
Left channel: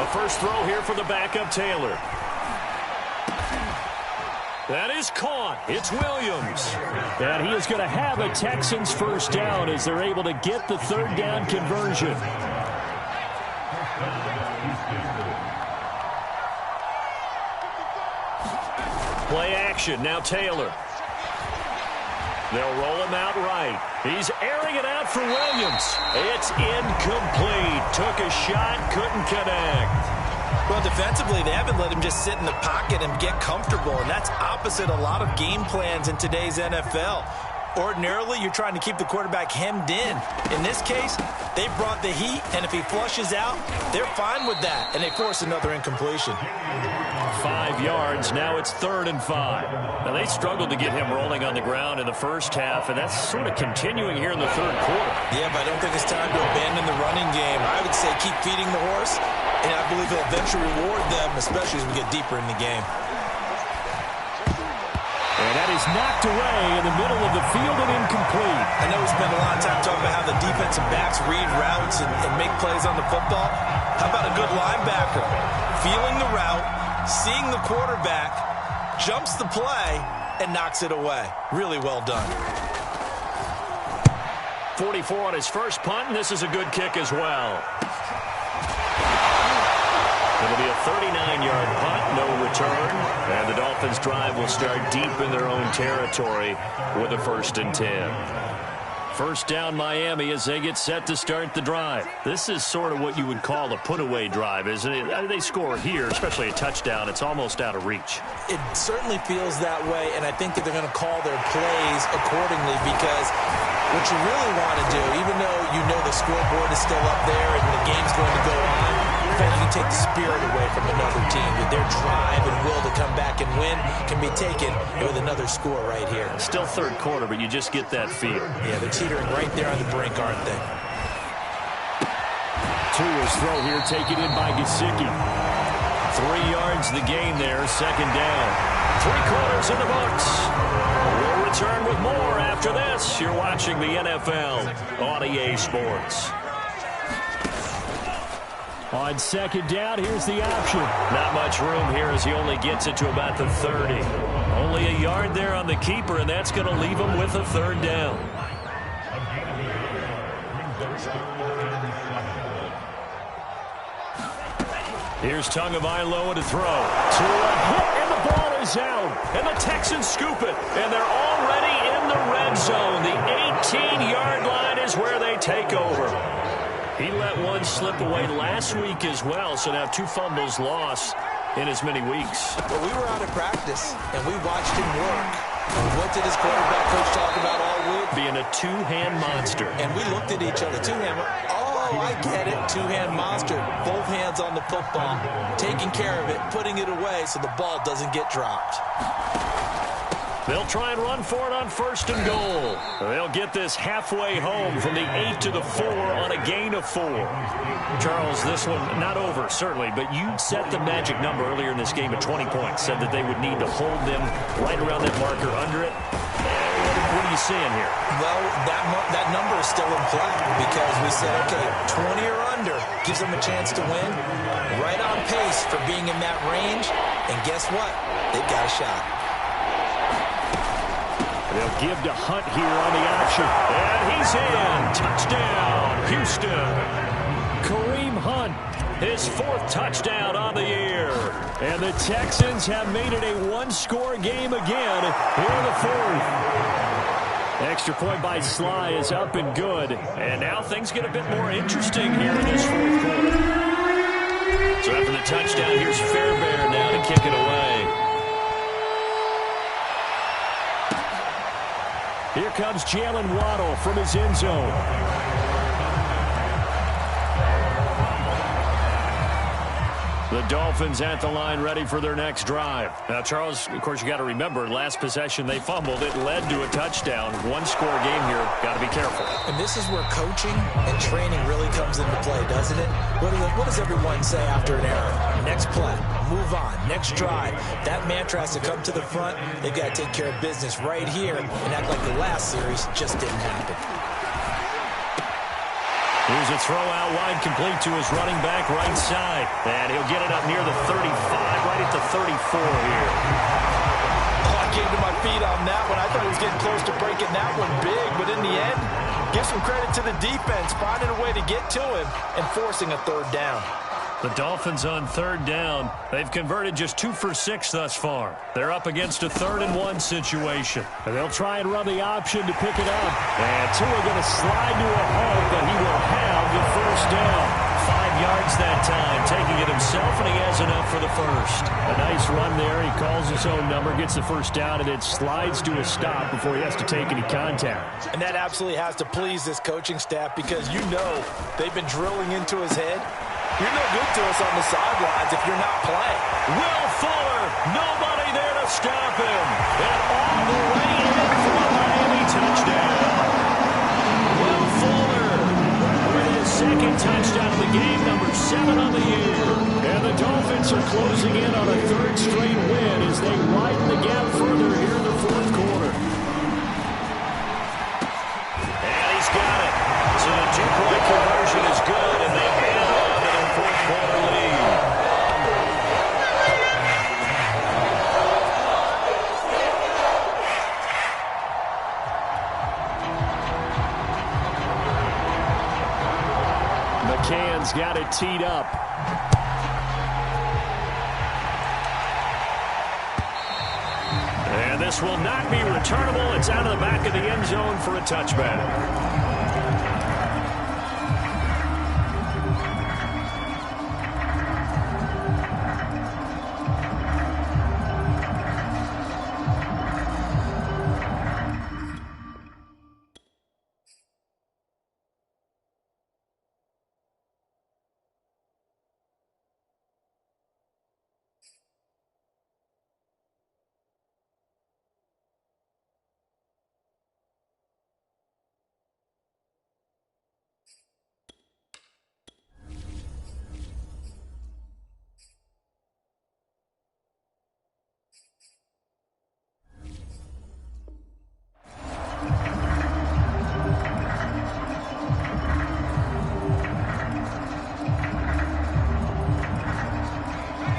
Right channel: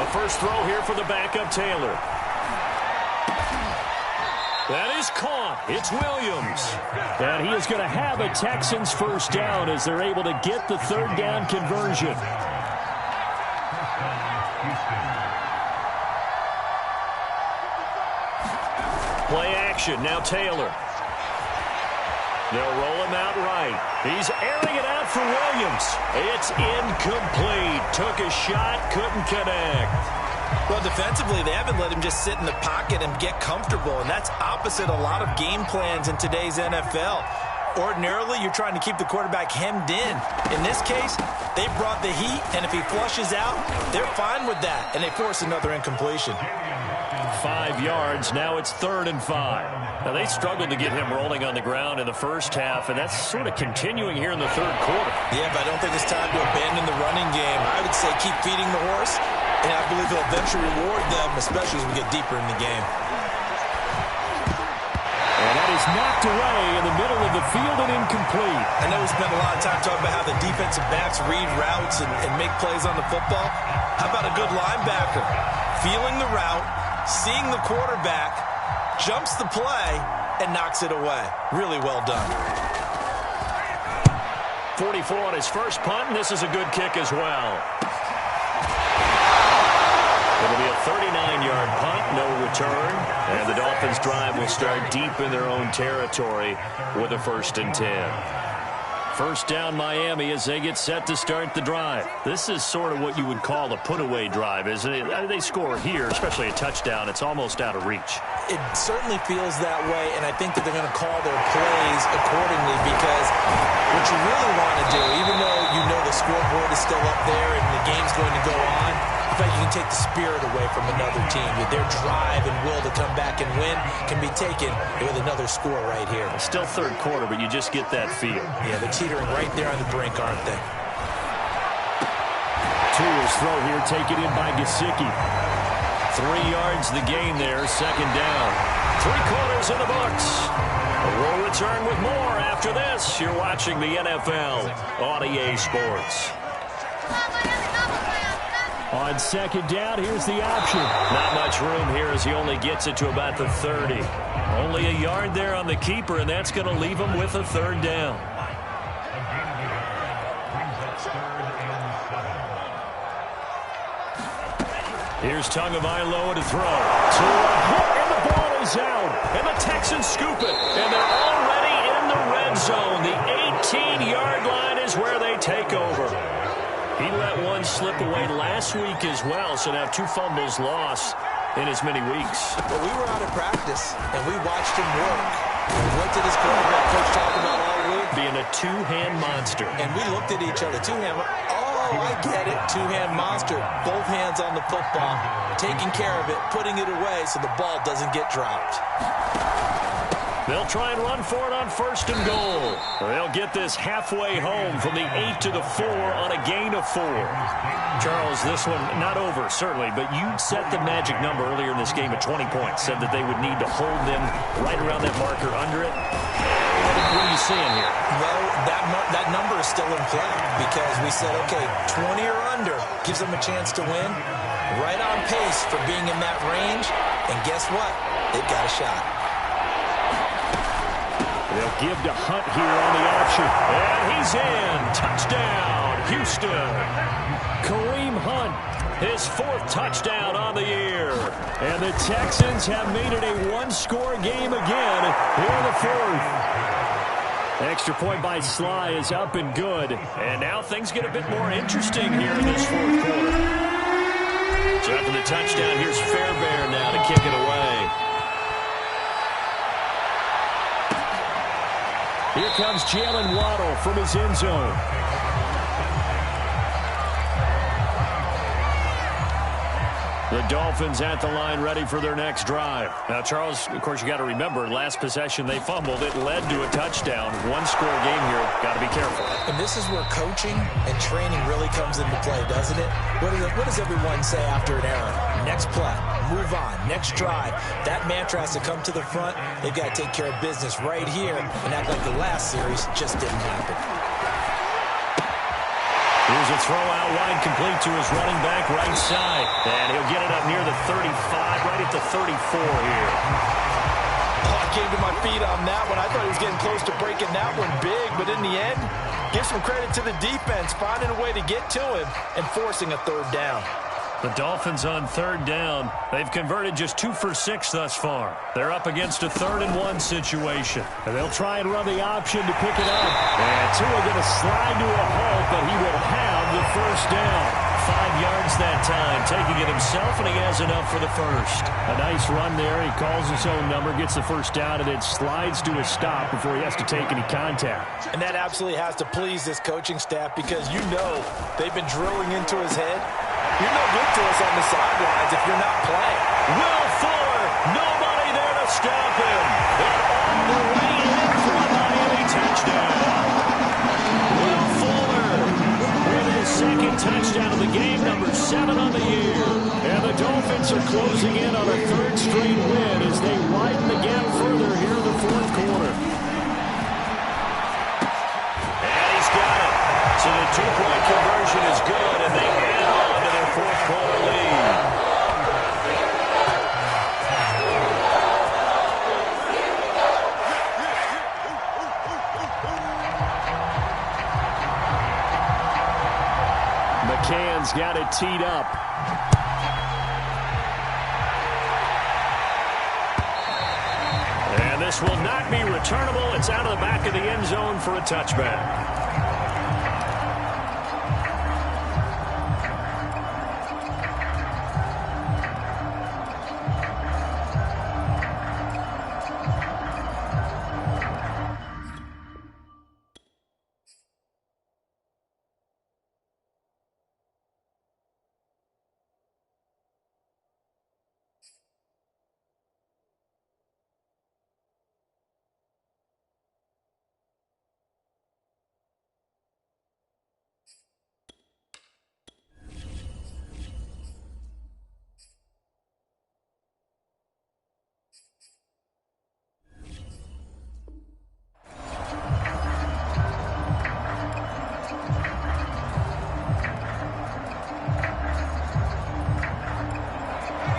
A first throw here for the backup Taylor. That is caught. It's Williams. And he is going to have a Texans first down as they're able to get the third down conversion. Play action. Now Taylor. They'll roll him out right. He's airing it out for Williams. It's incomplete. Took a shot, couldn't connect. Well, defensively, they haven't let him just sit in the pocket and get comfortable, and that's opposite a lot of game plans in today's NFL. Ordinarily, you're trying to keep the quarterback hemmed in. In this case, they brought the heat, and if he flushes out, they're fine with that, and they force another incompletion. 5 yards. Now it's 3rd and 5. Now, they struggled to get him rolling on the ground in the first half, and that's sort of continuing here in the third quarter. Yeah, but I don't think it's time to abandon the running game. I would say keep feeding the horse, and I believe he'll eventually reward them, especially as we get deeper in the game. And that is knocked away in the middle of the field and incomplete. I know we spent a lot of time talking about how the defensive backs read routes and make plays on the football. How about a good linebacker? Feeling the route, seeing the quarterback, jumps the play, and knocks it away. Really well done. 44 on his first punt, and this is a good kick as well. It'll be a 39-yard punt, no return. And the Dolphins' drive will start deep in their own territory with a 1st and 10. First down Miami as they get set to start the drive. This is sort of what you would call a put-away drive, isn't it? They score here, especially a touchdown. It's almost out of reach. It certainly feels that way, and I think that they're going to call their plays accordingly because what you really want to do, even though you know the scoreboard is still up there and the game's going to go on, in fact, you can take the spirit away from another team. Their drive and will to come back and win can be taken with another score right here. Still third quarter, but you just get that feel. Yeah, they're teetering right there on the brink, aren't they? Tua's throw here taken in by Gesicki. 3 yards the gain there, 2nd down. 3 quarters in the books. We'll return with more after this. You're watching the NFL on EA Sports. On 2nd down, here's the option. Not much room here as he only gets it to about the 30. Only a yard there on the keeper, and that's going to leave him with a 3rd down. Here's Tagovailoa to throw. To a hit, and the ball is out. And the Texans scoop it. And they're already in the red zone. The 18-yard line is where they take over. He let one slip away last week as well, so now 2 fumbles lost in as many weeks. Well, we were out of practice, and we watched him work. What did his quarterback coach talk about all week? Being a 2-hand monster. And we looked at each other. 2-hand. Oh, I get it. 2-hand monster. Both hands on the football. Taking care of it. Putting it away so the ball doesn't get dropped. They'll try and run for it on 1st and goal. They'll get this halfway home from the 8 to the 4 on a gain of 4. Charles, this one not over, certainly, but you set the magic number earlier in this game at 20 points. Said that they would need to hold them right around that marker under it. What are you seeing here? Well, that number is still in play because we said, okay, 20 or under gives them a chance to win. Right on pace for being in that range. And guess what? They've got a shot. They'll give to Hunt here on the option. And he's in. Touchdown, Houston. Kareem Hunt. His 4th touchdown on the year. And the Texans have made it a 1-score game again here in the 4th. Extra point by Sly is up and good. And now things get a bit more interesting here in this 4th quarter. So after the touchdown, here's Fairbairn now to kick it away. Here comes Jalen Waddle from his end zone. The Dolphins at the line ready for their next drive. Now, Charles, of course, you got to remember, last possession they fumbled. It led to a touchdown. One-score game here. Got to be careful. And this is where coaching and training really comes into play, doesn't it? What does everyone say after an error? Next play, move on, next drive. That mantra has to come to the front. They've got to take care of business right here and act like the last series just didn't happen. Here's a throw out wide, complete to his running back right side. And he'll get it up near the 35, right at the 34 here. Oh, I came to my feet on that one. I thought he was getting close to breaking that one big, but in the end, give some credit to the defense, finding a way to get to him and forcing a third down. The Dolphins on third down. They've converted just 2 for 6 thus far. They're up against a 3rd-and-1 situation. And they'll try and run the option to pick it up. And Tua going to slide to a halt, but he will have the first down. 5 yards that time, taking it himself, and he has enough for the first. A nice run there. He calls his own number, gets the first down, and then slides to a stop before he has to take any contact. And that absolutely has to please this coaching staff because you know they've been drilling into his head. You're no good to us on the sidelines if you're not playing. Will Fuller, nobody there to stop him. And all the way in for a Miami touchdown. Will Fuller with his 2nd touchdown of the game, number 7 on the year. And the Dolphins are closing in on a 3rd straight win as they widen the gap further here in the 4th quarter. And he's got it. So the 2-point conversion is good, and they add on to their 4th quarter lead. McCann's got it teed up. And this will not be returnable. It's out of the back of the end zone for a touchback.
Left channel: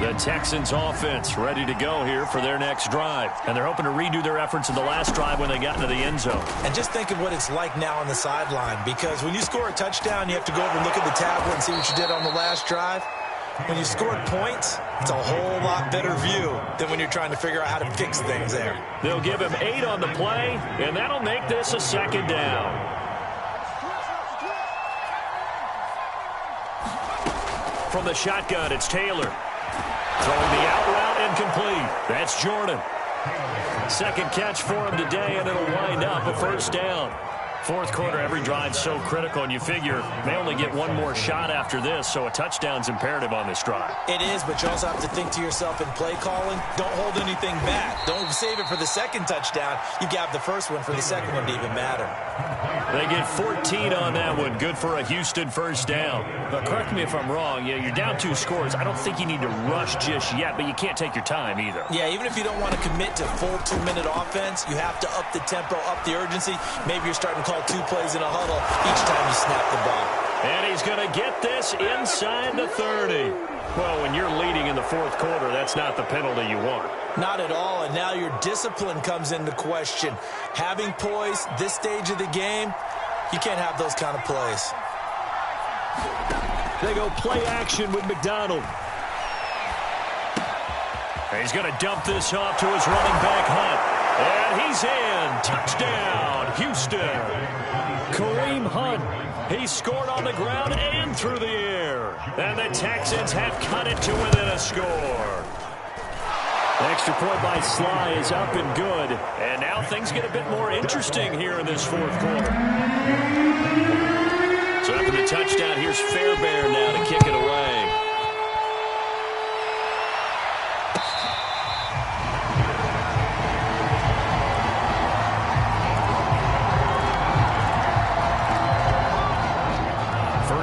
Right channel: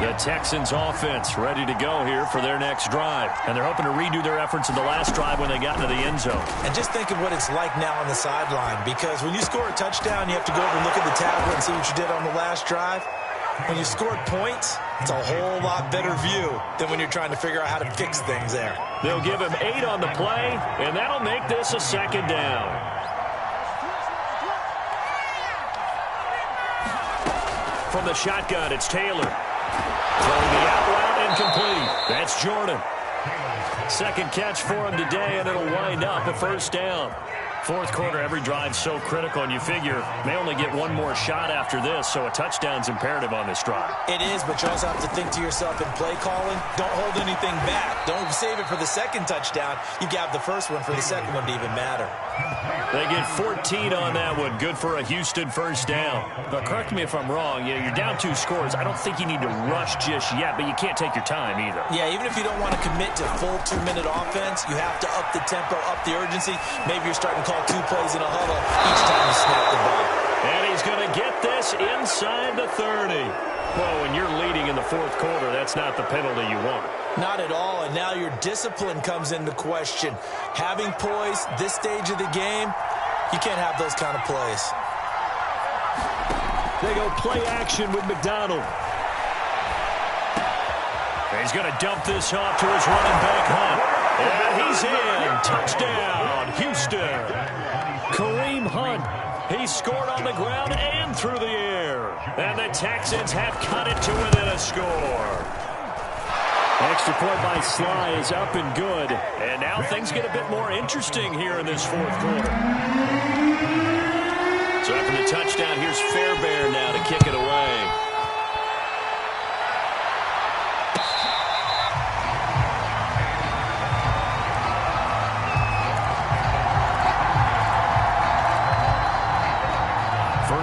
The Texans offense ready to go here for their next drive. And they're hoping to redo their efforts in the last drive when they got into the end zone. And just think of what it's like now on the sideline, because when you score a touchdown, you have to go over and look at the tablet and see what you did on the last drive. When you scored points, it's a whole lot better view than when you're trying to figure out how to fix things there. They'll give him 8 on the play, and that'll make this a 2nd down. From the shotgun, it's Taylor. Throwing the out route incomplete. That's Jordan. 2nd catch for him today, and it'll wind up a 1st down. 4th quarter, every drive's so critical, and you figure may only get one more shot after this, so a touchdown's imperative on this drive. It is, but you also have to think to yourself in play calling, don't hold anything back. Don't save it for the 2nd touchdown. You've got the 1st one for the 2nd one to even matter. They get 14 on that one. Good for a Houston 1st down. But correct me if I'm wrong. Yeah, you're down 2 scores. I don't think you need to rush just yet, but you can't take your time either. Yeah, even if you don't want to commit to full 2-minute offense, you have to up the tempo, up the urgency. Maybe you're starting to call 2 plays in a huddle each time you snap the ball. And he's going to get this inside the 30. Well, when you're leading in the 4th quarter, that's not the penalty you want. Not at all, and now your discipline comes into question. Having poise this stage of the game, you can't have those kind of plays. They go play action with McDonald. And he's going to dump this off to his running back, Hunt. And he's in. Touchdown, Houston. Kareem Hunt. He scored on the ground and through the air. And the Texans have cut it to within a score. Extra point by Sly is up and good. And now things get a bit more interesting here in this 4th quarter. So after the touchdown, here's Fairbairn now to kick it away.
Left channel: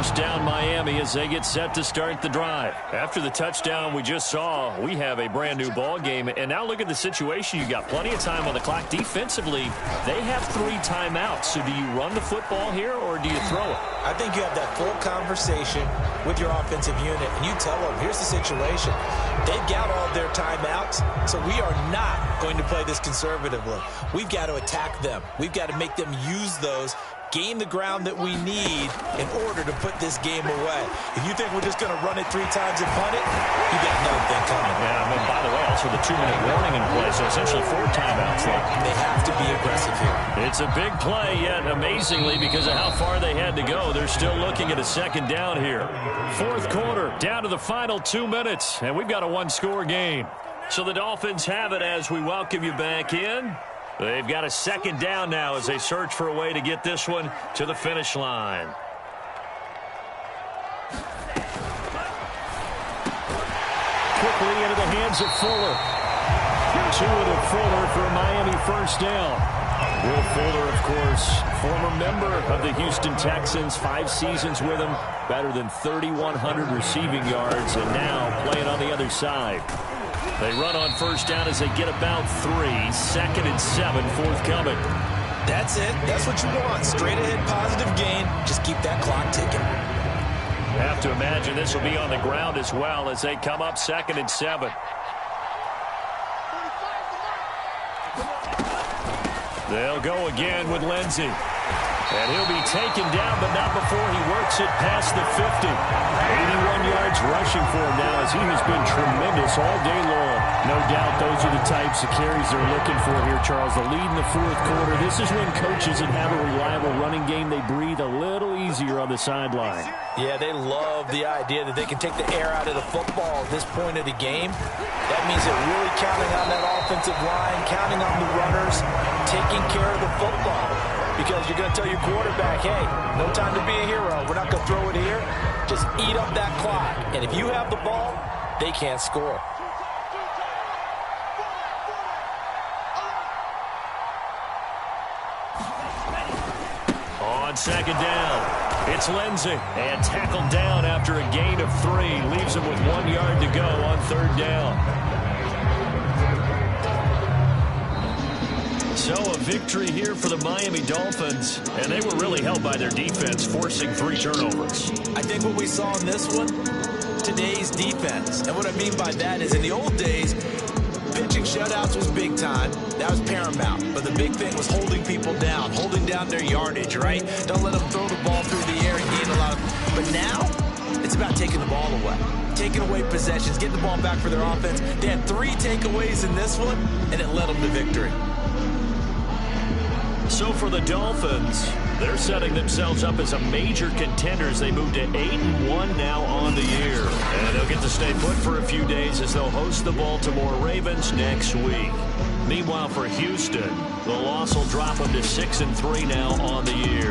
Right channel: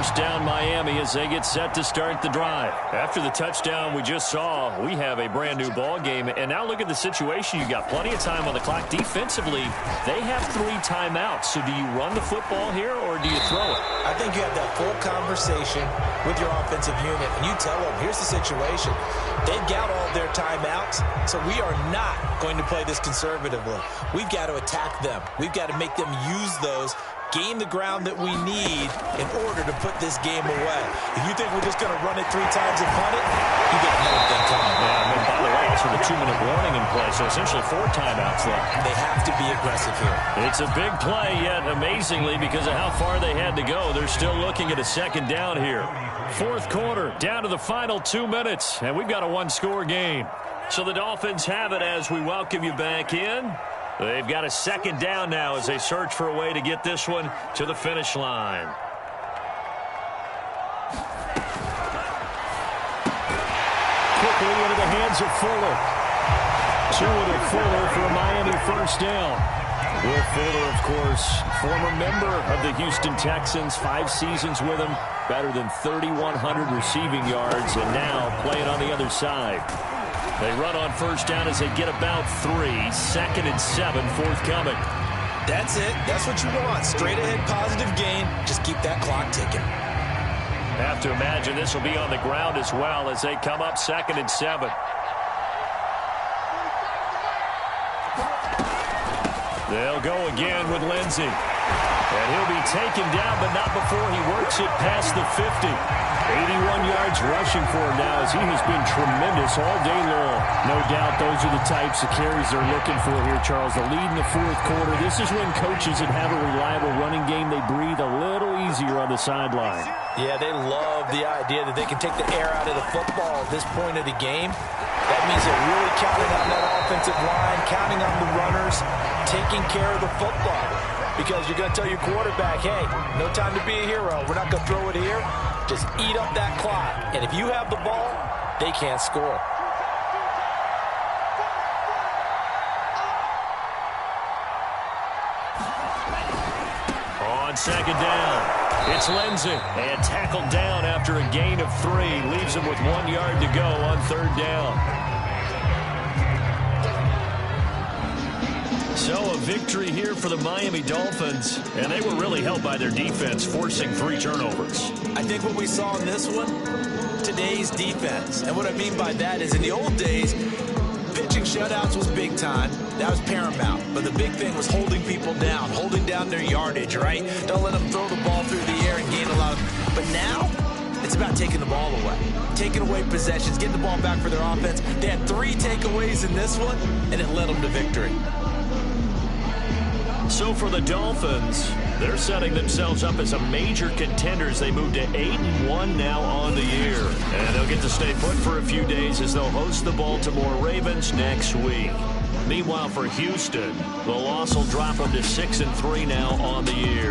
first down Miami as they get set to start the drive. After the touchdown we just saw, we have a brand new ball game. And now look at the situation. You got plenty of time on the clock. Defensively, they have 3 timeouts. So do you run the football here or do you throw it? I think you have that full conversation with your offensive unit, and you tell them, here's the situation. They've got all of their timeouts, so we are not going to play this conservatively. We've got to attack them. We've got to make them use those, gain the ground that we need in order to put this game away. If you think we're just going to run it 3 times and punt it, you got another thing coming. Yeah, and by the way, also the 2-minute warning in play, so essentially 4 timeouts left. They have to be aggressive here. It's a big play, yet amazingly, because of how far they had to go, they're still looking at a second down here. 4th quarter, down to the final 2 minutes, and we've got a 1-score game. So the Dolphins have it as we welcome you back in. They've got a second down now as they search for a way to get this one to the finish line. Quickly into the hands of Fuller. To Fuller for a Miami first down. Will Fuller, of course, former member of the Houston Texans, 5 seasons with them, better than 3,100 receiving yards, and now playing on the other side. They run on first down as they get about 3. 2nd and 7, forthcoming. That's it. That's what you want. Straight ahead positive gain. Just keep that clock ticking. Have to imagine this will be on the ground as well as they come up 2nd and 7. They'll go again with Lindsey. And he'll be taken down, but not before he works it past the 50. 81 yards rushing for him now as he has been tremendous all day long. No doubt those are the types of carries they're looking for here, Charles. The lead in the 4th quarter. This is when coaches that have a reliable running game, they breathe a little easier on the sideline. Yeah, they love the idea that they can take the air out of the football at this point of the game. That means they're really counting on that offensive line, counting on the runners, taking care of the football. Because you're going to tell your quarterback, hey, no time to be a hero. We're not going to throw it here. Just eat up that clock. And if you have the ball, they can't score. On second down, it's Lindsey. And tackled down after a gain of 3. Leaves him with 1 yard to go on 3rd down. So a victory here for the Miami Dolphins, and they were really helped by their defense, forcing 3 turnovers. I think what we saw in this one, today's defense. And what I mean by that is in the old days, pitching shutouts was big time. That was paramount. But the big thing was holding people down, holding down their yardage, right? Don't let them throw the ball through the air and gain a lot of... But now, it's about taking the ball away. Taking away possessions, getting the ball back for their offense. They had 3 takeaways in this one, and it led them to victory. So for the Dolphins, they're setting themselves up as a major contender as they move to 8-1 now on the year. And they'll get to stay put for a few days as they'll host the Baltimore Ravens next week. Meanwhile, for Houston, the loss will drop them to 6-3 now on the year.